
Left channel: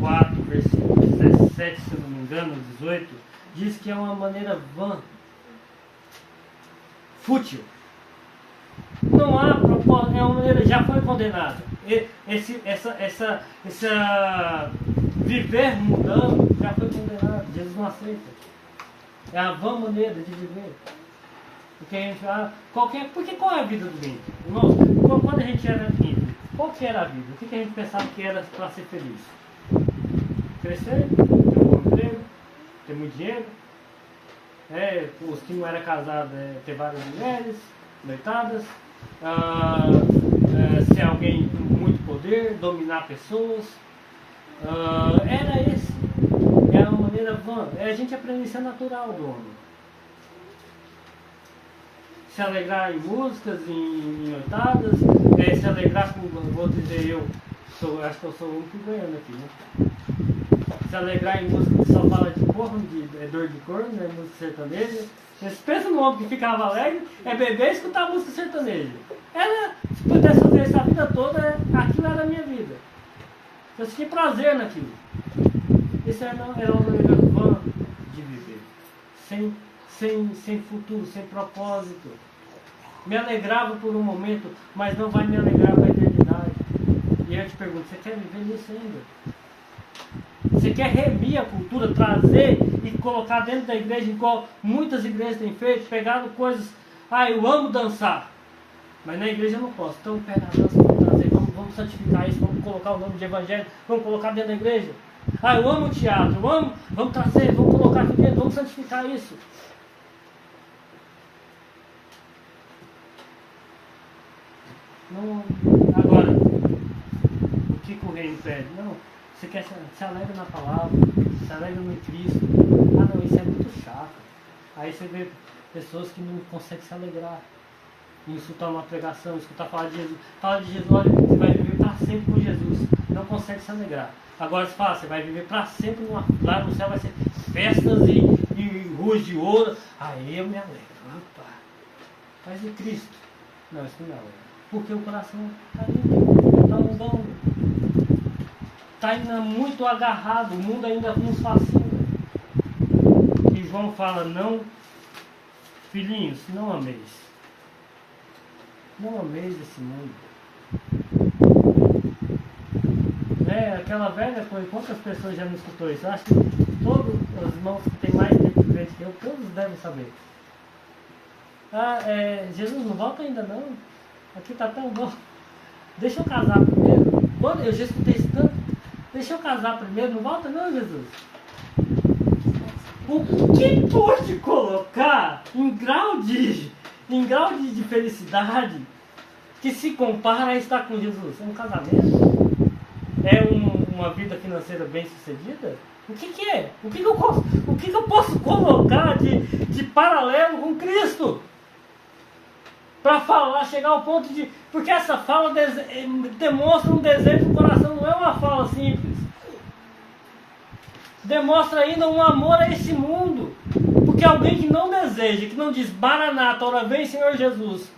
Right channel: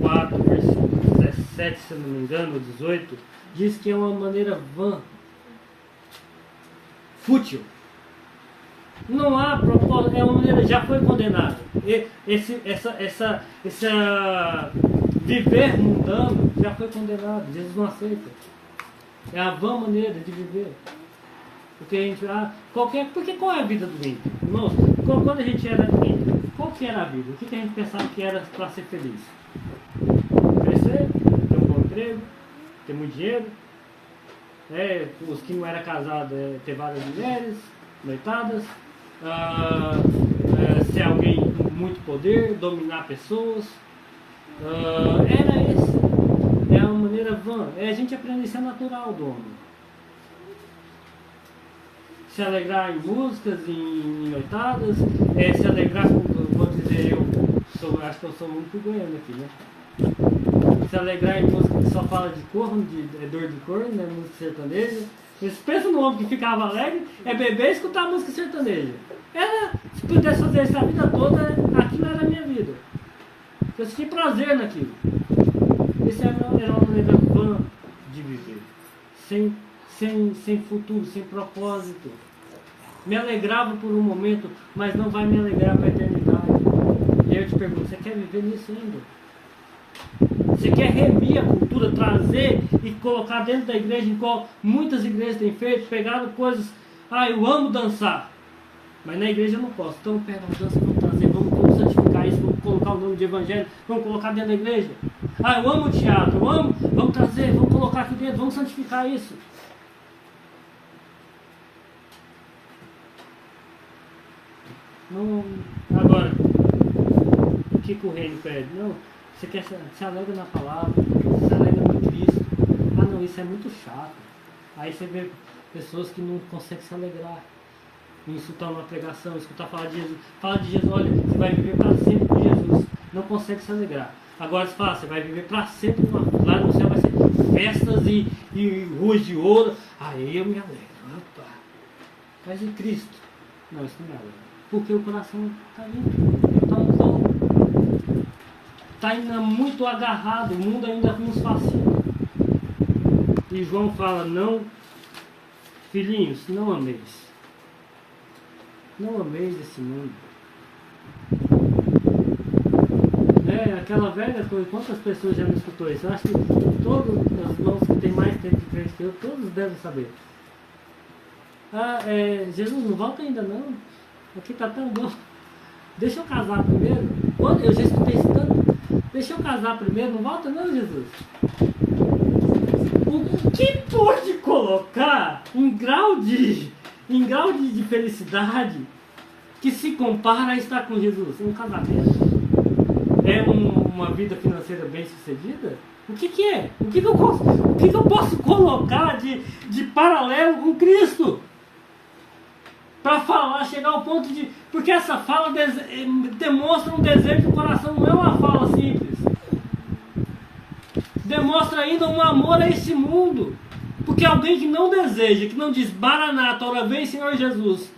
4, versículo 17, se não me engano, 18, diz que é uma maneira vã, fútil. Não há propósito, é uma maneira, já foi condenado. Essa viver mudando já foi condenado. Jesus não aceita. É a vã maneira de viver. Porque a gente, porque qual é a vida do ímpio? Irmãos, quando a gente era ímpio, qual que era a vida? O que a gente pensava que era para ser feliz? Crescer, ter um bom emprego, ter muito dinheiro, os que não eram casados, ter várias mulheres, noitadas, ser alguém com muito poder, dominar pessoas. Era esse. É uma maneira vã. A gente aprende isso, é natural do homem. Se alegrar em músicas, em noitadas, se alegrar com, vou dizer, acho que eu sou o único ganhando aqui, né? Se alegrar em música que só fala de corno, dor de corno, né? Música sertaneja. Mas pensa no homem que ficava alegre, beber e escutar música sertaneja. Se pudesse fazer isso a vida toda, aquilo era a minha vida. Eu senti prazer naquilo. Isso era uma maneira vã de viver. Sem futuro, sem propósito. Me alegrava por um momento, mas não vai me alegrar para a eternidade. E eu te pergunto, você quer viver nisso ainda? Você quer remir a cultura, trazer e colocar dentro da igreja, igual muitas igrejas têm feito, pegaram coisas, eu amo dançar, mas na igreja eu não posso. Então pega a dança, vamos trazer, vamos santificar isso, vamos colocar o nome de evangelho, vamos colocar dentro da igreja. Eu amo o teatro, vamos trazer, vamos colocar aqui dentro, vamos santificar isso. Não, agora, o que o reino pede? Não, você quer se alegra na palavra, se alegra no Cristo. Não, isso é muito chato. Aí você vê pessoas que não conseguem se alegrar em escutar uma pregação, escutar falar de Jesus. Fala de Jesus, olha, você vai viver para sempre com Jesus. Não consegue se alegrar. Agora você fala, você vai viver para sempre com lá no céu, vai ser festas e ruas de ouro. Aí eu me alegro. Opa. Mas e Cristo? Não, isso não me alegra. Porque o coração está ainda muito agarrado, o mundo ainda nos fascina. E João fala, não, filhinhos, não ameis. Não ameis esse mundo. Aquela velha coisa, quantas pessoas já me escutou isso? Eu acho que todos os irmãos que têm mais tempo de frente que eu, todos devem saber. Jesus não volta ainda não. Aqui tá tão bom. Deixa eu casar primeiro. Eu já escutei isso tanto. Deixa eu casar primeiro. Não volta não, Jesus. O que pode colocar em grau de felicidade que se compara a estar com Jesus? É um casamento? É uma vida financeira bem sucedida? O que é? O que eu posso colocar de paralelo com Cristo? Para falar, chegar ao ponto de... Porque essa fala demonstra um desejo do coração, não é uma fala simples. Demonstra ainda um amor a esse mundo. Porque alguém que não deseja, que não diz, Maranata, ora vem Senhor Jesus,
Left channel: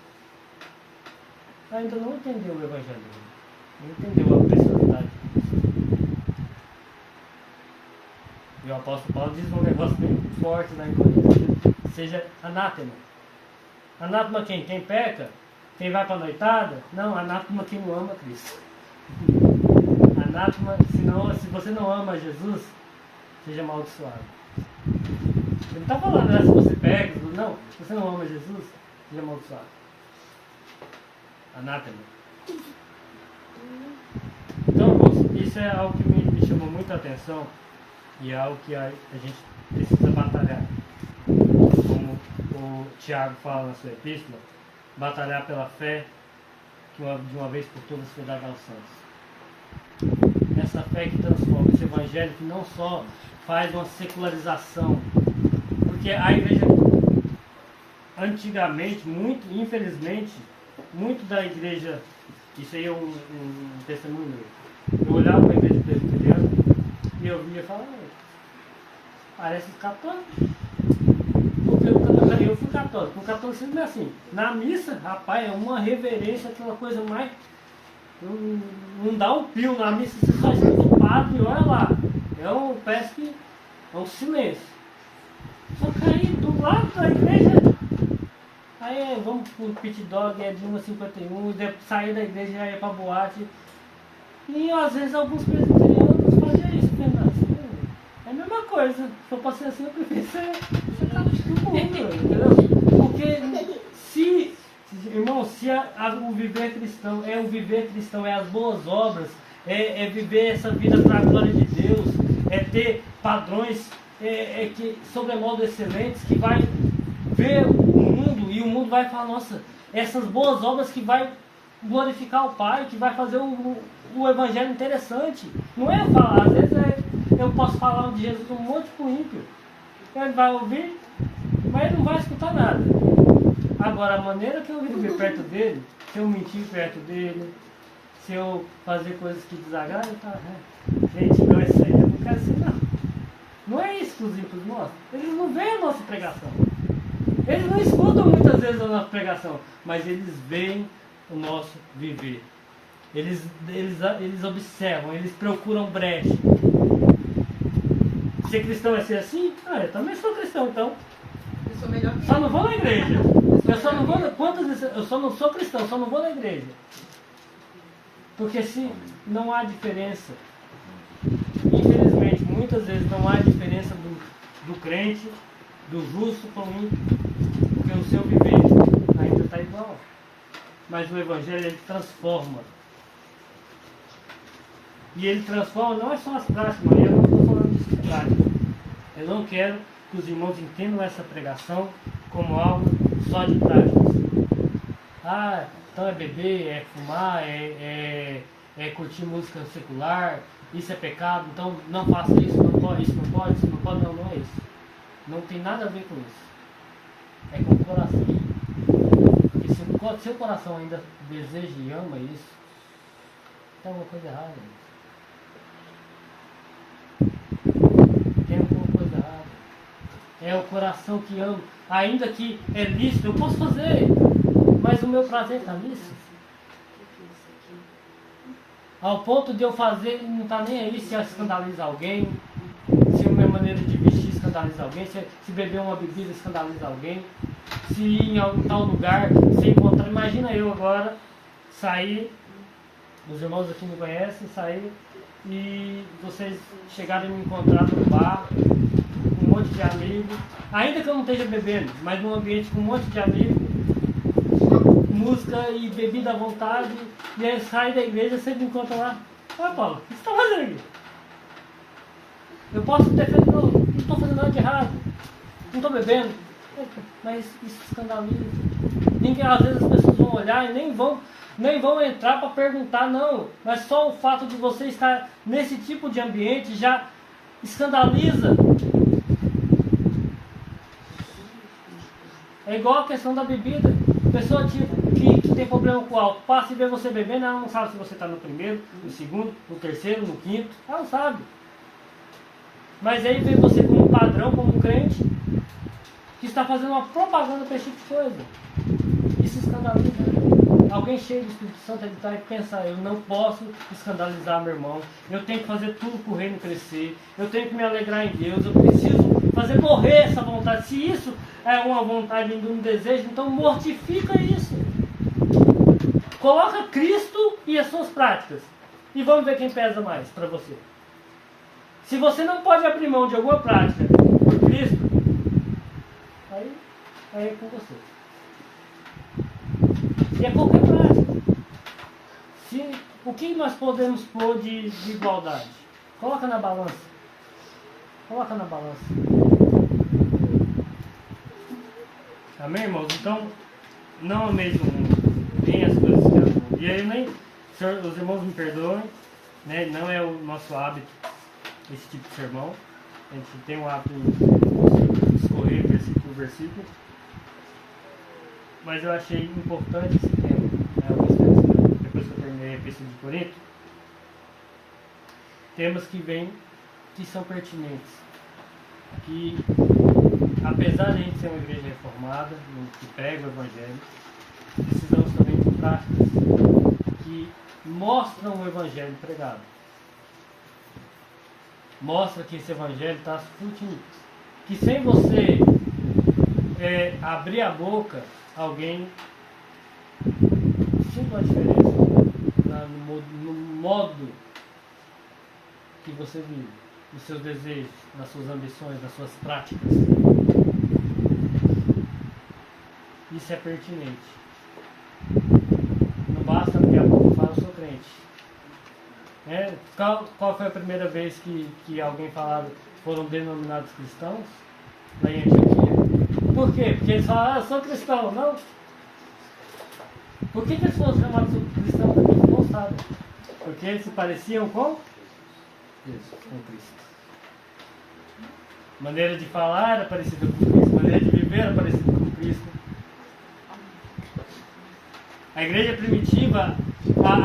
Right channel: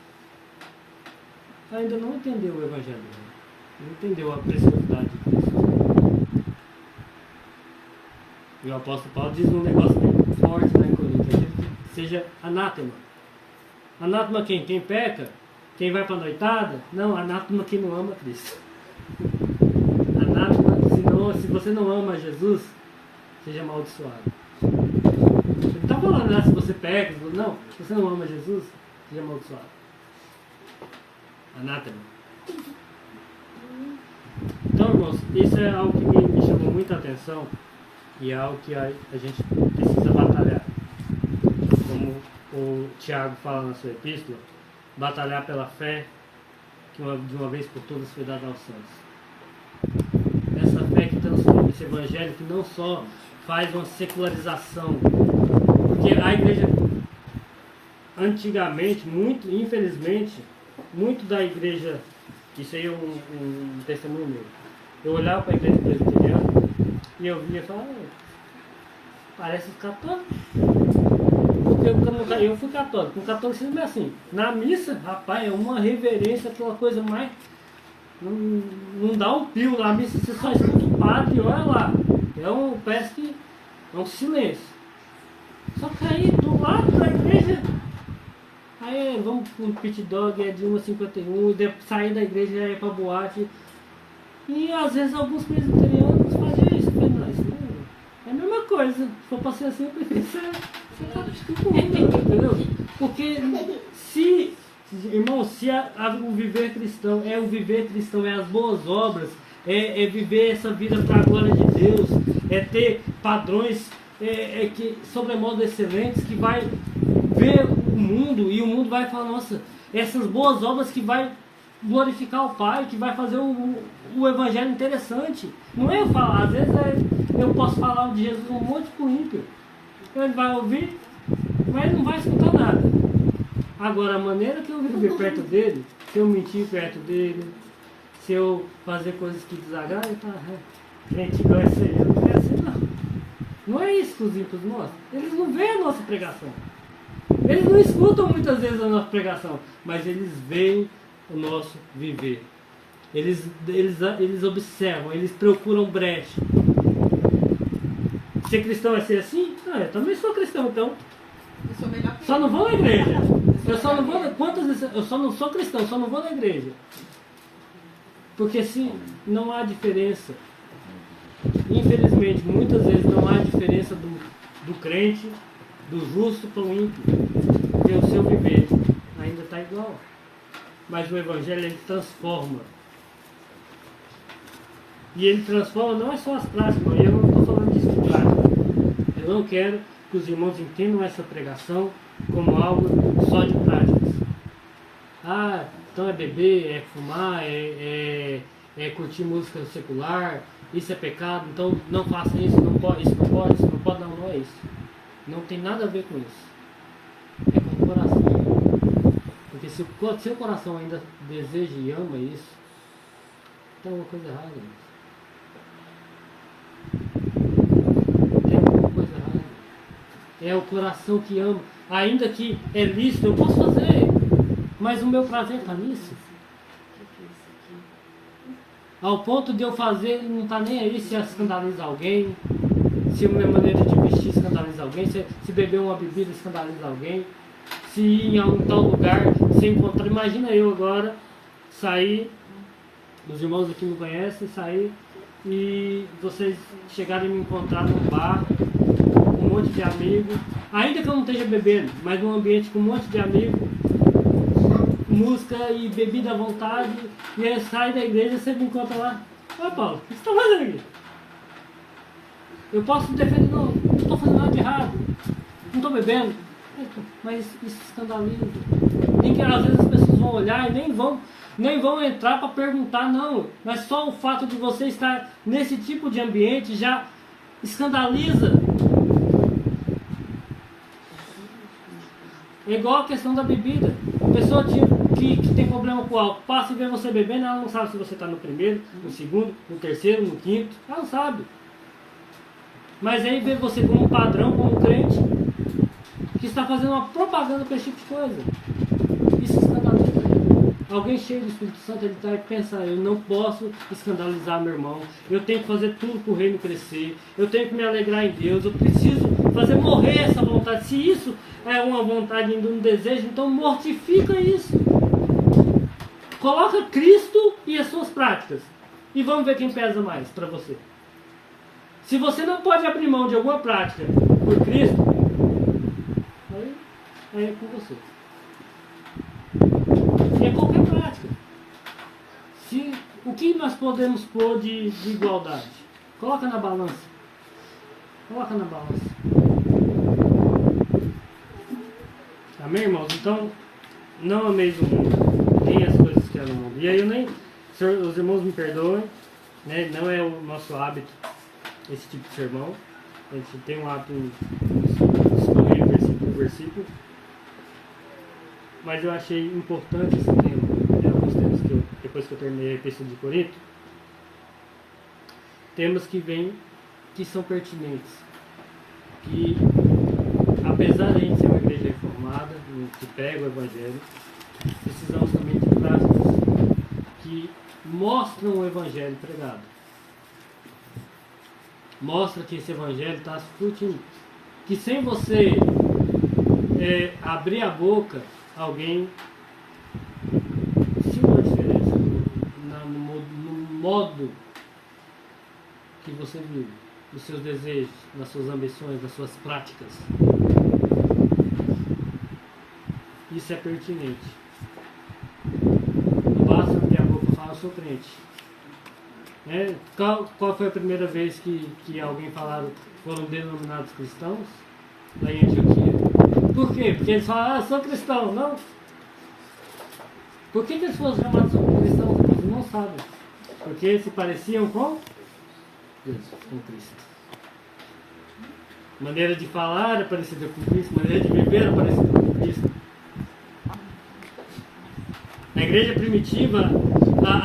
ainda não entendeu o Evangelho. Não entendeu a preciosidade de Cristo. E o apóstolo Paulo diz um negócio bem forte lá em Coríntios, seja anátema. Anátema quem? Quem peca? Quem vai para a noitada? Não, anátema quem não ama Cristo. Anátema, se você não ama Jesus, seja amaldiçoado. Ele não está falando, se você peca, não, se você não ama Jesus, seja amaldiçoado. Anátema. Então, isso é algo que me chamou muita atenção e é algo que a gente precisa batalhar. Como o Tiago fala na sua epístola, batalhar pela fé que de uma vez por todas foi dada aos santos. Essa fé que transforma esse evangelho, que não só faz uma secularização, porque a igreja antigamente, infelizmente, muito da igreja, isso aí é um testemunho meu, eu olhava para a igreja presbiteriana e eu via e falava, parece católico. Porque eu fui católico. O catolicismo é assim. Na missa, rapaz, é uma reverência, aquela coisa mais não dá um pio na missa, você só escuta o padre, olha lá. Parece que é um silêncio. Só que aí, do lado da igreja, aí vamos pro pit dog, é de 1h51, e sair da igreja já é pra boate. E às vezes alguns presbiterianos fazem isso, é a mesma coisa. Se for pra ser assim, eu prefiro ser tipo, entendeu? Porque se, irmão, se o viver cristão é as boas obras, é viver essa vida para a glória de Deus, é ter padrões que sobremodo excelentes, que vai ver o mundo e o mundo vai falar, nossa, essas boas obras que vai glorificar o Pai, que vai fazer o evangelho interessante. Não é eu falar, às vezes eu posso falar de Jesus um monte pro ímpio. Ele vai ouvir, mas ele não vai escutar nada. Agora, a maneira que eu viver perto dele, se eu mentir perto dele, se eu fazer coisas que desagradam, ele fala, gente, não é isso aí, eu não quero assim não. Não é isso que os ímpios mostram. Eles não veem a nossa pregação. Eles não escutam muitas vezes a nossa pregação, mas eles veem o nosso viver. Eles observam, eles procuram brecha. Ser cristão é ser assim? Eu também sou cristão, então. Eu sou melhor que Só não vou na igreja. Quantas vezes eu só não sou cristão, só não vou na igreja. Porque se não há diferença, infelizmente, muitas vezes não há diferença do crente, do justo para o ímpio, porque o seu viver ainda está igual. Mas o Evangelho, ele transforma. E ele transforma não é só as práticas, eu não estou falando disso de prática. Eu não quero que os irmãos entendam essa pregação como algo só de práticas. Então é beber, é fumar, é curtir música secular, isso é pecado, então não faça isso, não pode, isso não pode, isso não pode, não é isso. Não tem nada a ver com isso. É com o coração. Porque se o seu coração ainda deseja e ama isso, tem alguma coisa errada. Tem alguma coisa errada. É o coração que ama. Ainda que é lícito, eu posso fazer, mas o meu prazer está nisso. Ao ponto de eu fazer, ele não está nem aí se escandaliza alguém, se a minha maneira de vestir escandaliza alguém, se beber uma bebida escandaliza alguém, se ir em algum tal lugar, se encontrar. Imagina eu agora sair, os irmãos aqui me conhecem, sair e vocês chegarem a me encontrar num bar, com um monte de amigos, ainda que eu não esteja bebendo, mas num ambiente com um monte de amigos, música e bebida à vontade, e aí sai da igreja e você me encontra lá. Paulo, o que você está fazendo aqui? Eu posso defender, não estou fazendo nada de errado, não estou bebendo, mas isso escandaliza. Às vezes as pessoas vão olhar e nem vão entrar para perguntar, não, mas só o fato de você estar nesse tipo de ambiente já escandaliza. É igual a questão da bebida. A pessoa que tem problema com o álcool passa e vê você bebendo, ela não sabe se você está no primeiro, no segundo, no terceiro, no quinto, ela não sabe. Mas aí vê você como um padrão, como um crente, que está fazendo uma propaganda com esse tipo de coisa. Isso escandaliza. Alguém cheio do Espírito Santo, ele está e pensa, eu não posso escandalizar meu irmão, eu tenho que fazer tudo para o reino crescer, eu tenho que me alegrar em Deus, eu preciso fazer morrer essa vontade. Se isso é uma vontade, um desejo, então mortifica isso. Coloca Cristo e as suas práticas. E vamos ver quem pesa mais para você. Se você não pode abrir mão de alguma prática por Cristo, aí é com você. E é qualquer prática. O que nós podemos pôr de igualdade? Coloca na balança. Coloca na balança. Amém, irmãos? Então, não ameis o mundo, nem as coisas que é do mundo. E aí, os irmãos me perdoem, né? Não é o nosso hábito esse tipo de sermão. A gente tem um hábito de escorrer versículo por versículo. Mas eu achei importante esse tema. Alguns temas que, depois que eu terminei a Epístola de Corinto, temas que vêm, que são pertinentes. Que, apesar de a gente ser uma igreja reformada, que pega o Evangelho, precisamos também de práticas que mostram o Evangelho pregado. Mostra que esse Evangelho está frutinho. Que sem você abrir a boca, alguém sinta uma diferença no modo que você vive, nos seus desejos, nas suas ambições, nas suas práticas. Isso é pertinente. Não basta que a boca fala, eu sou crente. Qual foi a primeira vez que alguém falava que foram denominados cristãos? Lá em Antioquia. Por quê? Porque eles falaram, eu sou cristão, não? Por que eles foram chamados cristãos? Eles não sabem. Porque eles se pareciam com Deus, com Cristo. Maneira de falar era parecida com Cristo, maneira de viver era parecida com Cristo. A igreja primitiva,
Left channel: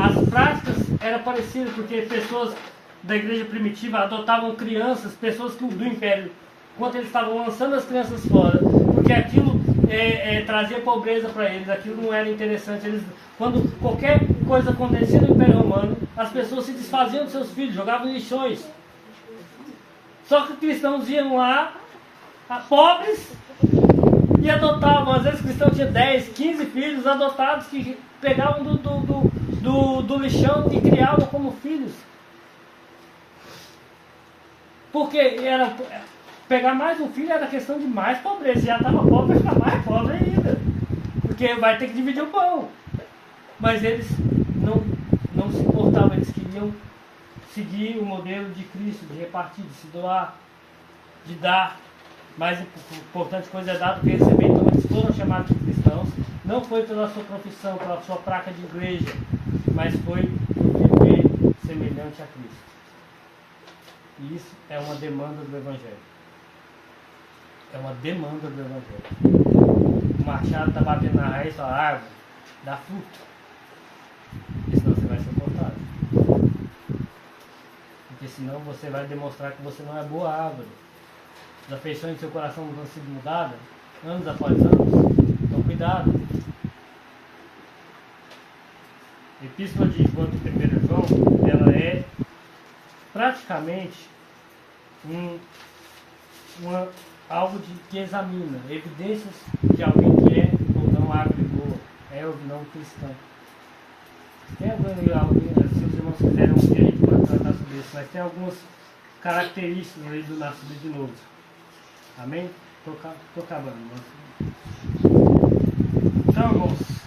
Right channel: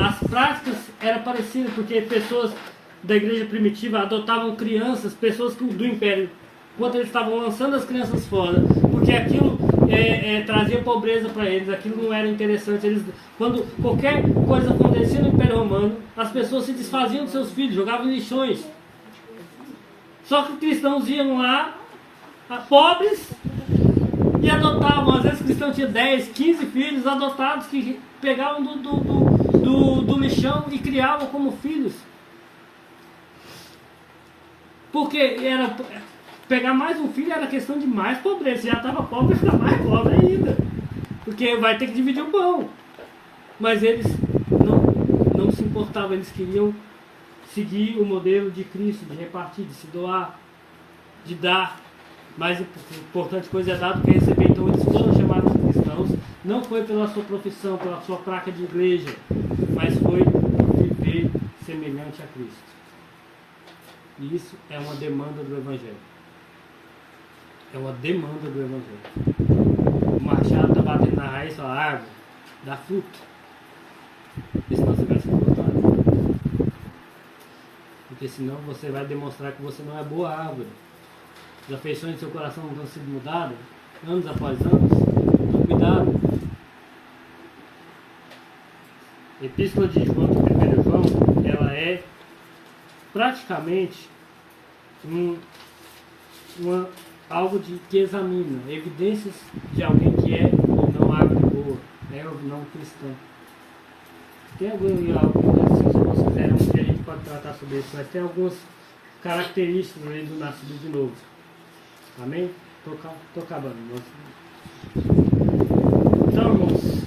as práticas eram parecidas, porque pessoas da igreja primitiva adotavam crianças, pessoas do império, enquanto eles estavam lançando as crianças fora, porque aquilo trazia pobreza para eles, aquilo não era interessante. Quando qualquer coisa acontecia no Império Romano, as pessoas se desfaziam dos seus filhos, jogavam em lixões. Só que cristãos iam lá, pobres, e adotavam. Às vezes o cristão tinha 10, 15 filhos adotados que pegavam do lixão e criavam como filhos. Porque pegar mais um filho era questão de mais pobreza. Já estava pobre, vai ficar mais pobre ainda. Porque vai ter que dividir o pão. Mas eles não se importavam, eles queriam seguir o modelo de Cristo, de repartir, de se doar, de dar. Mais importante coisa é dar do que receber. Então eles foram chamados de cristãos, não foi pela sua profissão, pela sua placa de igreja, mas foi viver semelhante a Cristo. E isso é uma demanda do Evangelho. É uma demanda do Evangelho. O machado está batendo na raiz da árvore, dá fruto. E senão você vai ser cortado. Porque senão você vai demonstrar que você não é boa árvore. As afeições do seu coração não vão ser mudadas, anos após anos. Então, cuidado. A Epístola de João, de 1 João, ela é praticamente algo que examina evidências de alguém que é ou não árvore boa, é ou não cristão. Tem algo, se vocês quiserem, que a gente pode tratar sobre isso, mas tem algumas características ali do nascido de novo. Amém? Estou acabando. Então, irmãos,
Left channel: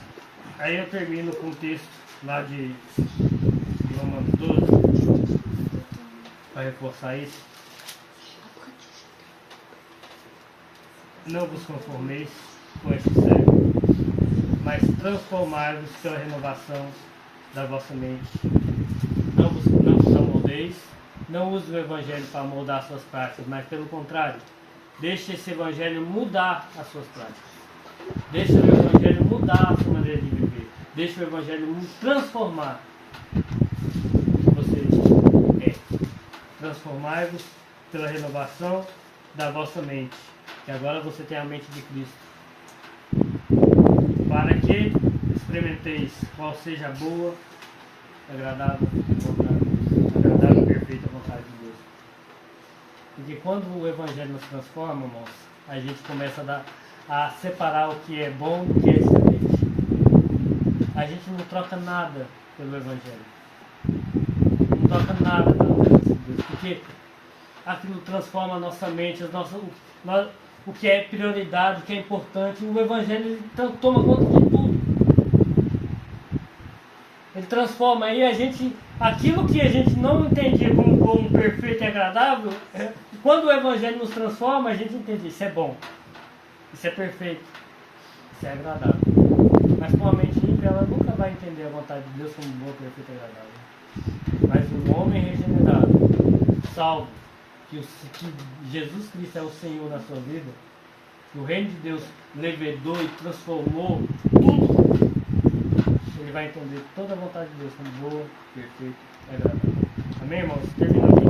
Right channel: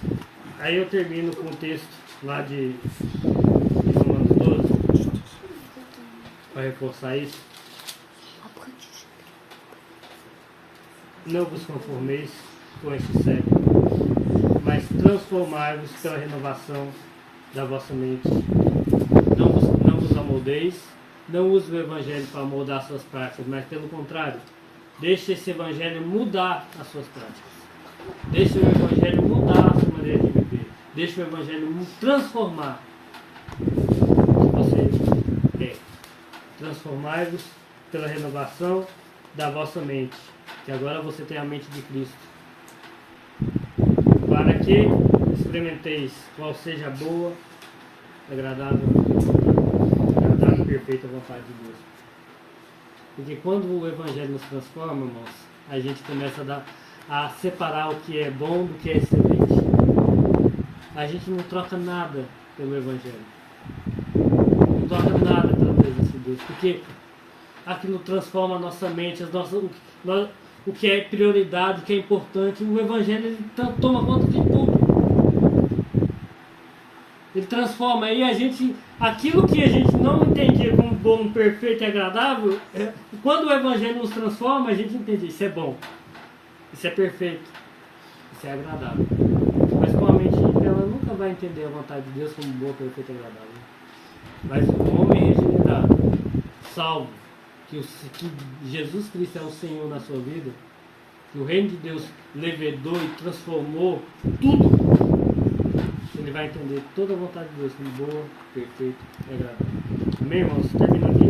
aí eu termino com o texto lá de Romanos 12, para reforçar isso. Não vos conformeis com esse século, mas transformai-vos pela renovação da vossa mente. Não vos amoldeis, não use o Evangelho para moldar suas práticas, mas pelo contrário, deixe esse Evangelho mudar as suas práticas. Deixe o Evangelho mudar a sua maneira de viver. Deixe o Evangelho transformar o que você quer. Transformai-vos pela renovação da vossa mente, que agora você tem a mente de Cristo, para que experimenteis qual seja a boa, agradável e perfeita vontade de Deus. Porque quando o Evangelho nos transforma, irmãos, a gente começa a separar o que é bom do que é excelente. A gente não troca nada pelo Evangelho. Não troca nada pelo Evangelho de Deus. Porque aquilo transforma a nossa mente, o que é prioridade, o que é importante. O Evangelho toma conta de tudo. Ele transforma aí aquilo que a gente não entendia como perfeito e agradável, quando o Evangelho nos transforma, a gente entende, isso é bom, isso é perfeito, isso é agradável. Mas com a mente ímpia, ela nunca vai entender a vontade de Deus como boa, perfeita e agradável. Mas o homem regenerado, salvo, que Jesus Cristo é o Senhor na sua vida, o reino de Deus levedou e transformou tudo, ele vai entender toda a vontade de Deus como boa, perfeita e agradável. Amém, irmãos? Termina aqui.